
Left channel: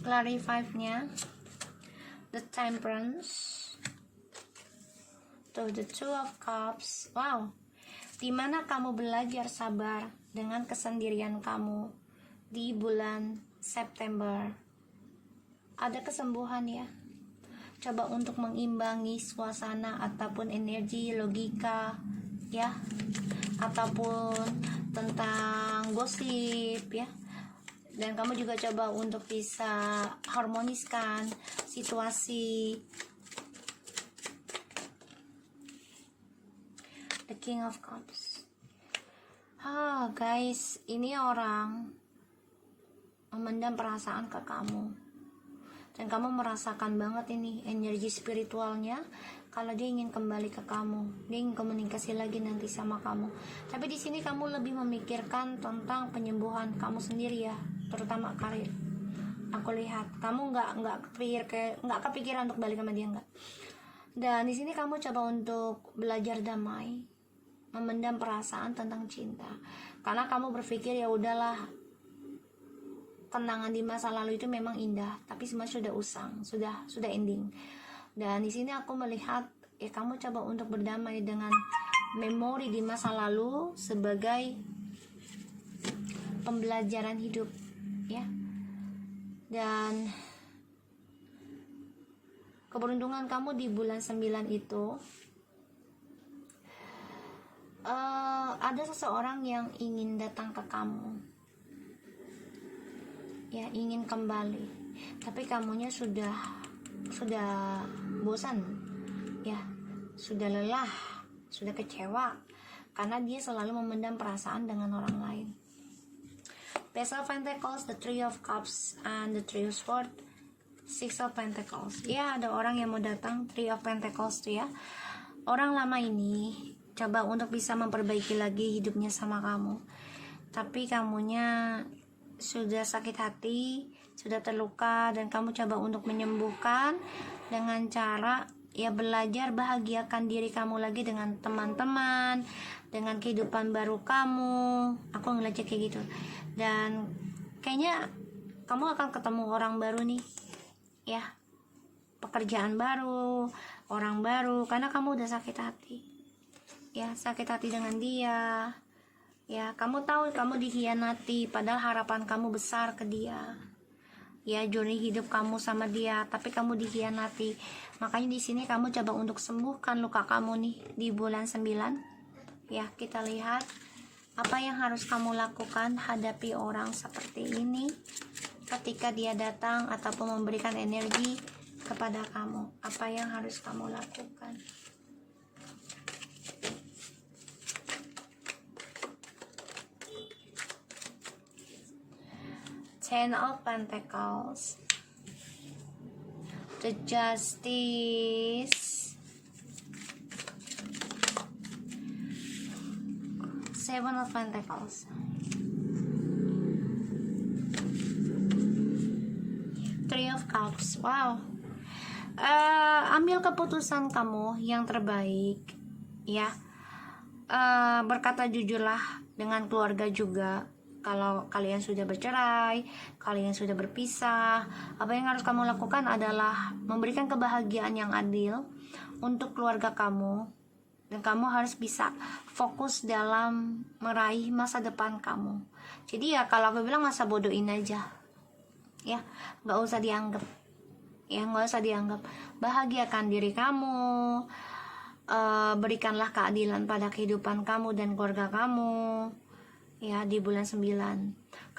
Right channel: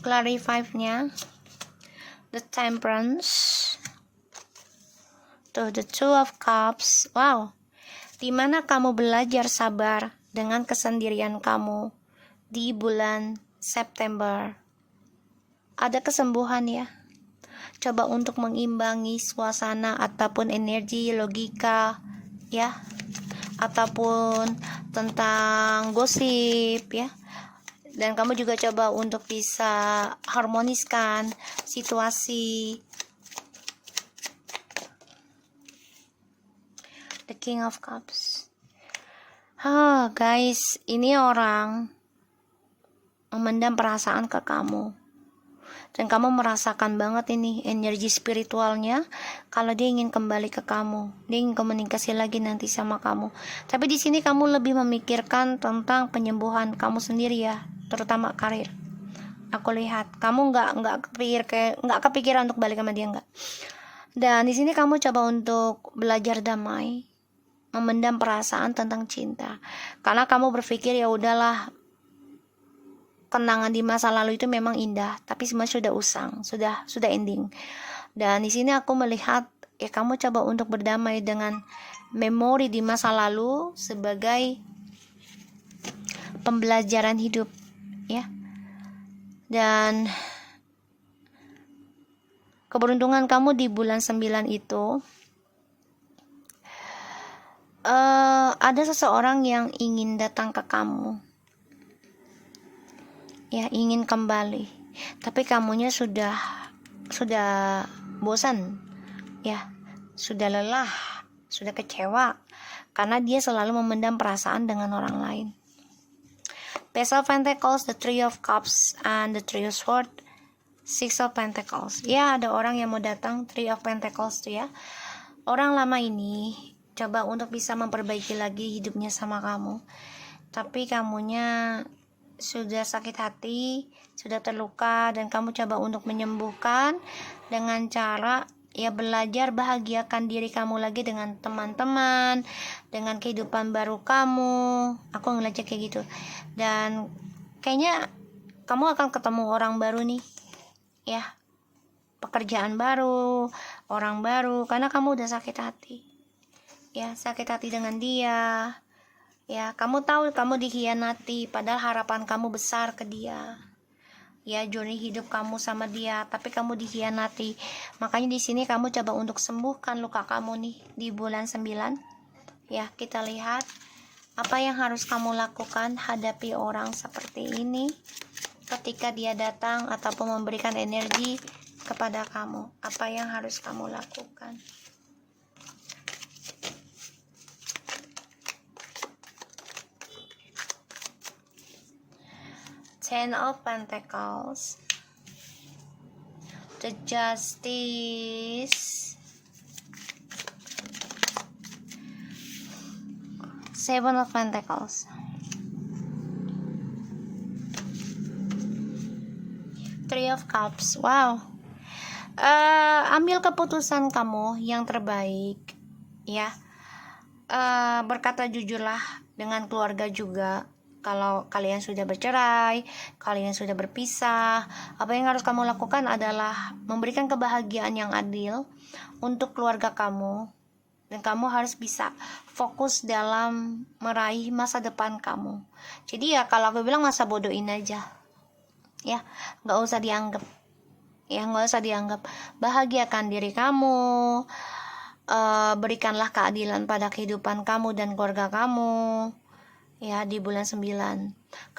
Clarify-nya, the Temperance, the Two of Cups. Wow, dimana kamu belajar sabar dengan kesendirian kamu di bulan September. Ada kesembuhan ya. Coba untuk mengimbangi suasana ataupun energi logika ya, ataupun tentang gosip ya. Dan kamu juga coba untuk bisa harmoniskan situasi. The King of Cups. Guys, ini orang memendam perasaan ke kamu. Dan kamu merasakan banget ini energi spiritualnya kalau dia ingin kembali ke kamu. Dia ingin komunikasi lagi nanti sama kamu. Tapi di sini kamu lebih memikirkan tentang penyembuhan kamu sendiri ya, terutama karir. Aku lihat kamu nggak kepikiran untuk balik sama dia, nggak. Dan di sini kamu coba untuk belajar damai, memendam perasaan tentang cinta. Karena kamu berpikir ya udahlah, kenangan di masa lalu itu memang indah, tapi semua sudah usang, sudah ending. Dan di sini aku melihat ya kamu coba untuk berdamai dengan memori di masa lalu sebagai pembelajaran hidup ya. Dan keberuntungan kamu di bulan 9 itu ada seseorang yang ingin datang ke kamu ya, ingin kembali, tapi kamunya sudah bosan ya, sudah lelah, sudah kecewa karena dia selalu memendam perasaan dengan orang lain. Page of Pentacles, the Three of Cups, and the Three of Swords, Six of Pentacles. Ya, ada orang yang mau datang, Three of Pentacles tuh ya. Orang lama ini coba untuk bisa memperbaiki lagi hidupnya sama kamu, tapi kamunya sudah sakit hati, sudah terluka, dan kamu coba untuk menyembuhkan dengan cara ya belajar bahagiakan diri kamu lagi dengan teman-teman, dengan kehidupan baru kamu. Aku ngeliatnya kayak gitu. Dan kayaknya kamu akan ketemu orang baru nih ya, pekerjaan baru, orang baru, karena kamu udah sakit hati ya, sakit hati dengan dia ya. Kamu tahu kamu dikhianati, padahal harapan kamu besar ke dia ya, journey hidup kamu sama dia, tapi kamu dikhianati. Makanya di sini kamu coba untuk sembuhkan luka kamu nih di bulan 9 ya. Kita lihat apa yang harus kamu lakukan hadapi orang seperti ini ketika dia datang ataupun memberikan energi kepada kamu. Apa yang harus kamu lakukan? Ten of Pentacles, the Justice, Seven of Pentacles, Three of Cups. Wow. Ambil keputusan kamu yang terbaik ya. Berkata jujurlah dengan keluarga juga. Kalau kalian sudah bercerai, kalian sudah berpisah, apa yang harus kamu lakukan adalah memberikan kebahagiaan yang adil untuk keluarga kamu. Dan kamu harus bisa fokus dalam meraih masa depan kamu. Jadi ya kalau aku bilang masa bodohin aja ya, nggak usah dianggap ya, nggak usah dianggap. Bahagiakan diri kamu, berikanlah keadilan pada kehidupan kamu dan keluarga kamu ya di bulan 9,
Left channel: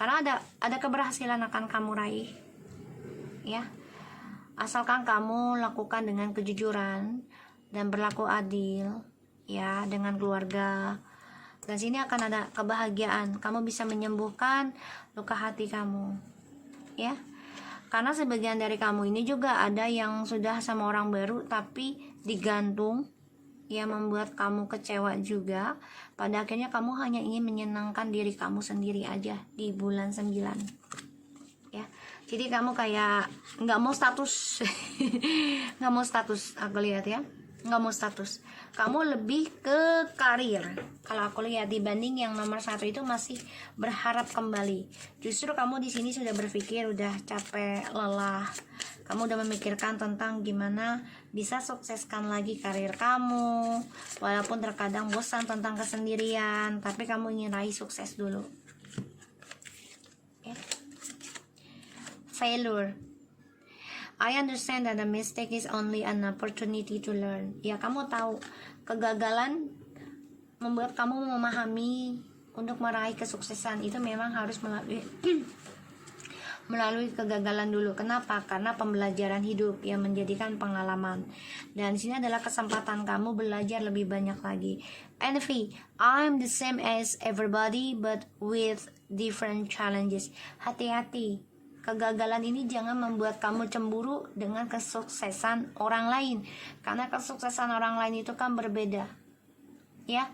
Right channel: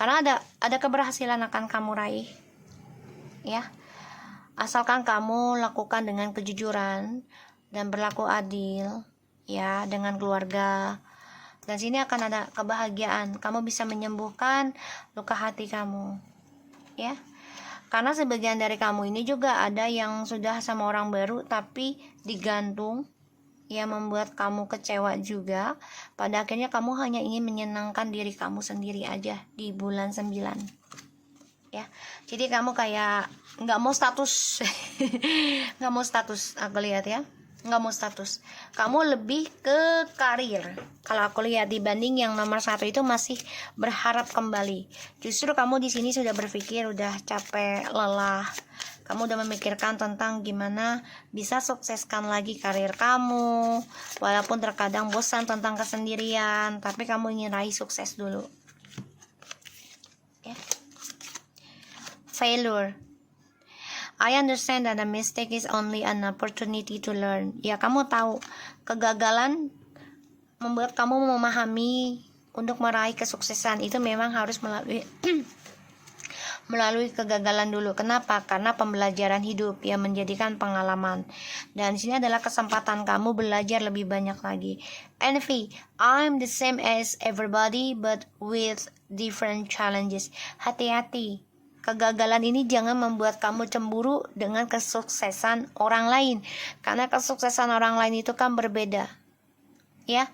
karena ada keberhasilan akan kamu raih ya, asalkan kamu lakukan dengan kejujuran dan berlaku adil ya dengan keluarga. Dan sini akan ada kebahagiaan, kamu bisa menyembuhkan luka hati kamu ya. Karena sebagian dari kamu ini juga ada yang sudah sama orang baru tapi digantung, ya, membuat kamu kecewa juga. Pada akhirnya kamu hanya ingin menyenangkan diri kamu sendiri aja di bulan 9, ya. Jadi kamu kayak nggak mau status nggak mau status, aku lihat ya, nggak mau status. Kamu lebih ke karir kalau aku lihat, dibanding yang nomor 1 itu masih berharap kembali. Justru kamu di sini sudah berpikir, udah capek, lelah. Kamu udah memikirkan tentang gimana bisa sukseskan lagi karir kamu, walaupun terkadang bosan tentang kesendirian, tapi kamu ingin raih sukses dulu, ya. Failure. I understand that a mistake is only an opportunity to learn. Ya, kamu tahu kegagalan membuat kamu memahami untuk meraih kesuksesan itu memang harus melalui kegagalan dulu. Kenapa? Karena pembelajaran hidup yang menjadikan pengalaman. Dan di sini adalah kesempatan kamu belajar lebih banyak lagi. Envy, I'm the same as everybody but with different challenges. Hati-hati. Kegagalan ini jangan membuat kamu cemburu dengan kesuksesan orang lain, karena kesuksesan orang lain itu kan berbeda, ya.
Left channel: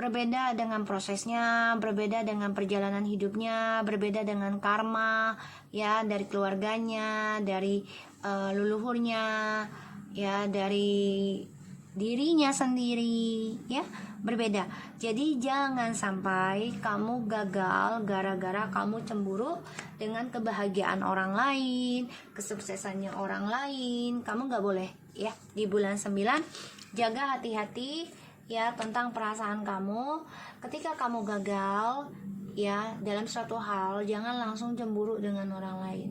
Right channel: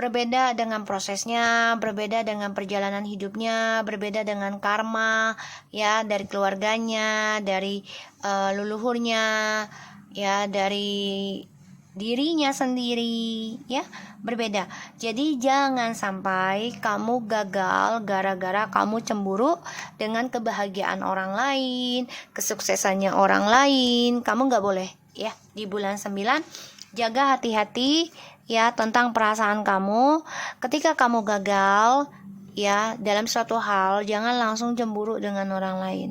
Berbeda dengan prosesnya, berbeda dengan perjalanan hidupnya, berbeda dengan karma, ya, dari keluarganya, dari leluhurnya, ya, dari dirinya sendiri, ya, berbeda. Jadi jangan sampai kamu gagal gara-gara kamu cemburu dengan kebahagiaan orang lain, kesuksesannya orang lain. Kamu gak boleh, ya. Di bulan 9 jaga hati-hati, ya, tentang perasaan kamu. Ketika kamu gagal, ya, dalam suatu hal, jangan langsung cemburu dengan orang lain.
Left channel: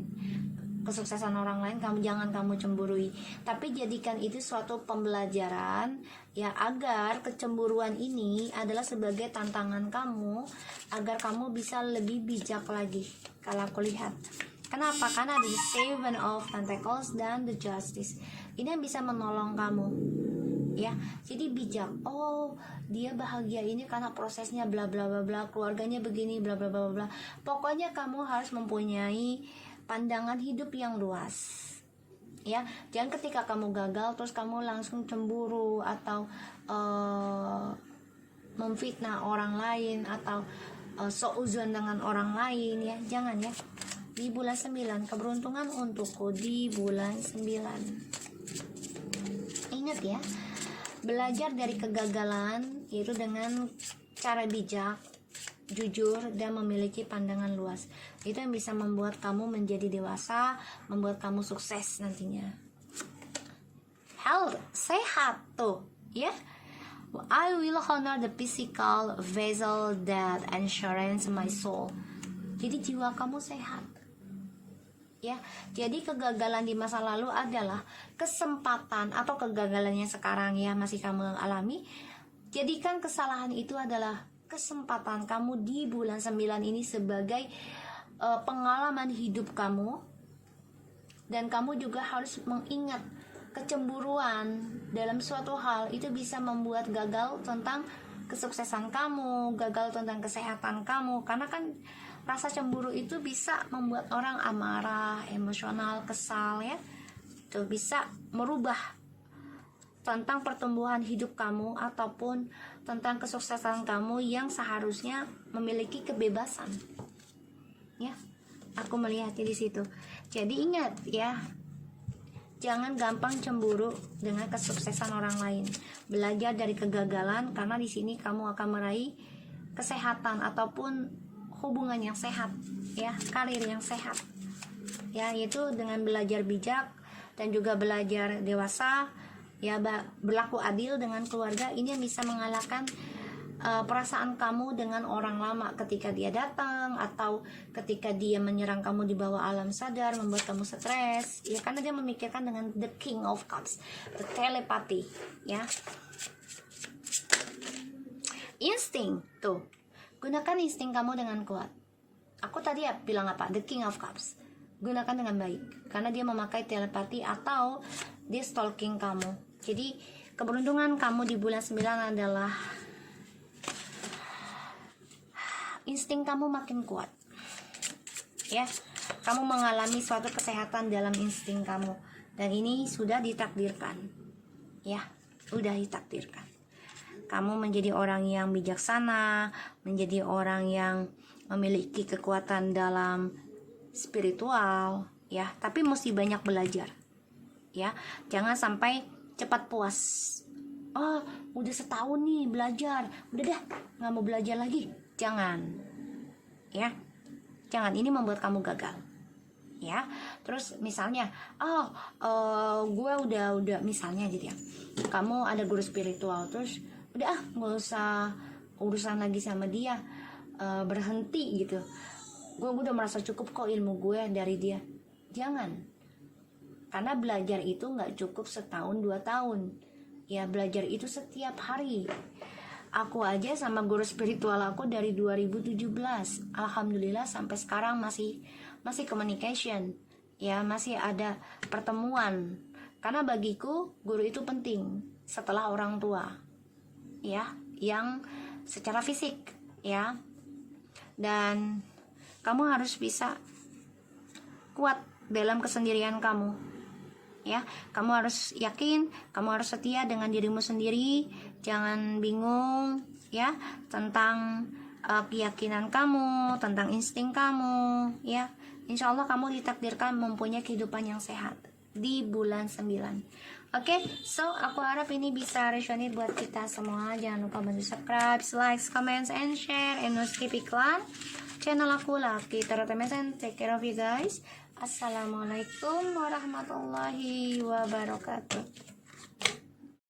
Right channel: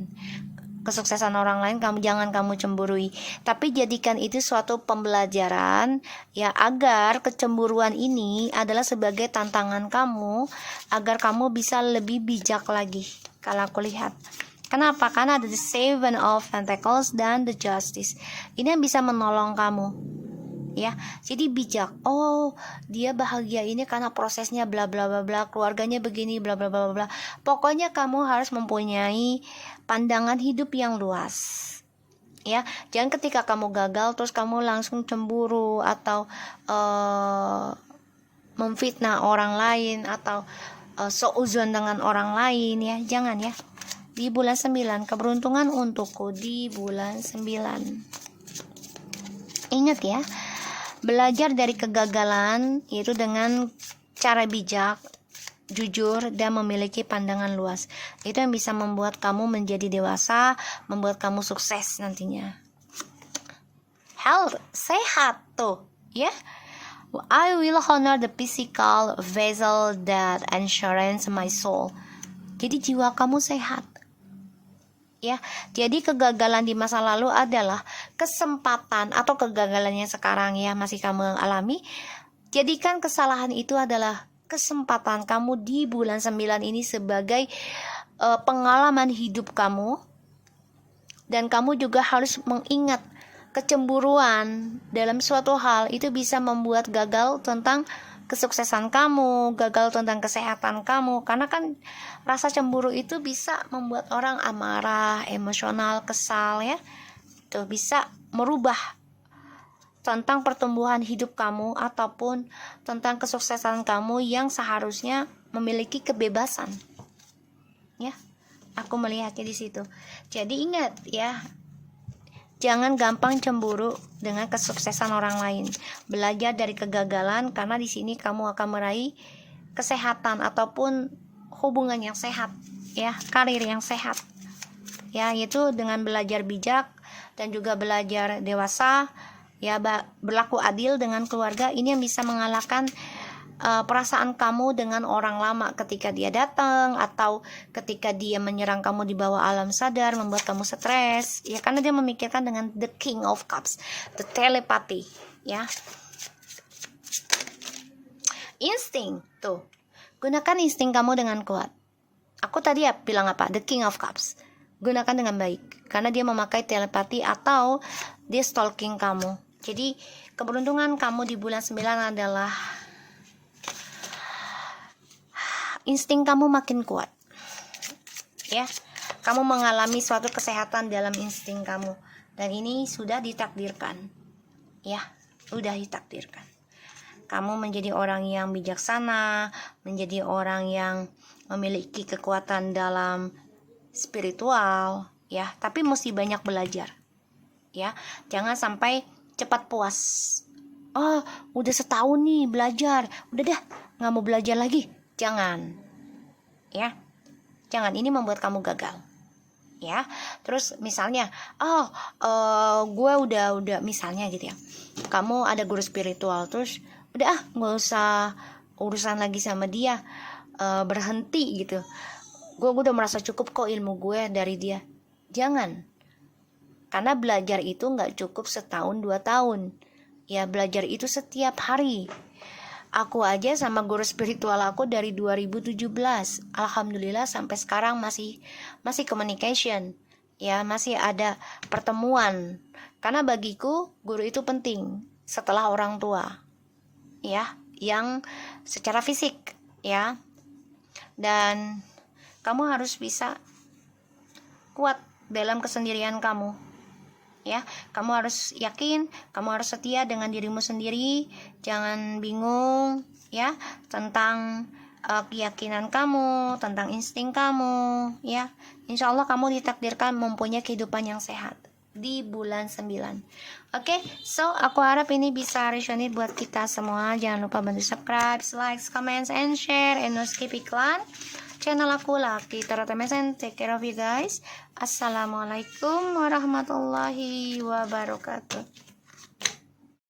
Kesuksesan orang lain jangan kamu cemburui, tapi jadikan itu suatu pembelajaran, ya, agar kecemburuan ini adalah sebagai tantangan kamu agar kamu bisa lebih bijak lagi. Kalau aku lihat, kenapa? Karena ada the Seven of Pentacles dan the Justice. Ini yang bisa menolong kamu, ya. Jadi bijak. Oh, dia bahagia ini karena prosesnya bla bla bla bla, keluarganya begini bla bla bla bla. Pokoknya kamu harus mempunyai pandangan hidup yang luas, ya. Jangan ketika kamu gagal terus kamu langsung cemburu atau memfitnah orang lain atau seuzon dengan orang lain, ya. Jangan, ya. Di bulan 9, keberuntungan untukku di bulan 9. Ingat, ya, belajar dari kegagalan itu dengan cara bijak, jujur, dan memiliki pandangan luas. Itu yang bisa membuat kamu menjadi dewasa, membuat kamu sukses nantinya. Health, sehat tuh, ya. I will honor the physical vessel that ensures my soul. Jadi jiwa kamu sehat, ya. Jadi kegagalan di masa lalu adalah kesempatan, atau kegagalan yang sekarang, ya, masih kamu alami. Jadikan kesalahan itu adalah kesempatan kamu di bulan 9 ini sebagai pengalaman hidup kamu. Dan kamu juga harus mengingat kecemburuan dalam suatu hal itu bisa membuat gagal tentang kesuksesan kamu, gagal tentang kesehatan kamu. Karena kan rasa cemburu itu bisa membuat orang amarah, emosional, kesal, ya. Itu bisa merubah tentang pertumbuhan hidup kamu ataupun tentang kesuksesan kamu yang seharusnya memiliki kebebasan, ya. Aku melihatnya di situ. Jadi ingat, ya, jangan gampang cemburu dengan kesuksesan orang lain. Belajar dari kegagalan, karena di sini kamu akan meraih kesehatan ataupun hubungan yang sehat, ya, karir yang sehat, ya, yaitu dengan belajar bijak dan juga belajar dewasa, ya, berlaku adil dengan keluarga. Ini yang bisa mengalahkan perasaan kamu dengan orang lama ketika dia datang atau ketika dia menyerang kamu di bawah alam sadar, membuat kamu stres, ya, karena dia memikirkan dengan the King of Cups, the telepathy, ya. Insting, tuh, gunakan insting kamu dengan kuat. Aku tadi ya bilang apa? The King of Cups. Gunakan dengan baik, karena dia memakai telepati atau dia stalking kamu. Jadi keberuntungan kamu di bulan 9 adalah insting kamu makin kuat, ya. kamu mengalami suatu kesehatan dalam insting kamu, dan ini sudah ditakdirkan. Ya, sudah ditakdirkan. Kamu menjadi orang yang bijaksana, menjadi orang yang memiliki kekuatan dalam spiritual, ya, tapi mesti banyak belajar. Ya, jangan sampai cepat puas. Oh, udah setahun nih belajar, udah dah nggak mau belajar lagi. Jangan, ya, jangan, ini membuat kamu gagal. Ya, terus misalnya, gue udah misalnya gitu ya, kamu ada guru spiritual, terus udah nggak usah urusan lagi sama dia, berhenti gitu. Gue udah merasa cukup kok ilmu gue dari dia. Jangan. Karena belajar itu nggak cukup setahun 2 tahun. Ya, belajar itu setiap hari. Aku aja sama guru spiritual aku dari 2017. Alhamdulillah sampai sekarang masih communication. Ya, masih ada pertemuan. Karena bagiku guru itu penting setelah orang tua. Ya, yang secara fisik, ya. Dan kamu harus bisa kuat dalam kesendirian kamu. Ya, kamu harus yakin, kamu harus setia dengan dirimu sendiri. Jangan bingung ya tentang keyakinan kamu, tentang insting kamu, ya. Insya Allah kamu ditakdirkan mempunyai kehidupan yang sehat di bulan 9. Oke, so aku harap ini bisa resonate buat kita semua. Jangan lupa bantu subscribe, like, comments, and share, and no skip iklan channel aku Lucky Tarot MSN. Take care of you guys. Assalamualaikum warahmatullahi wabarakatuh.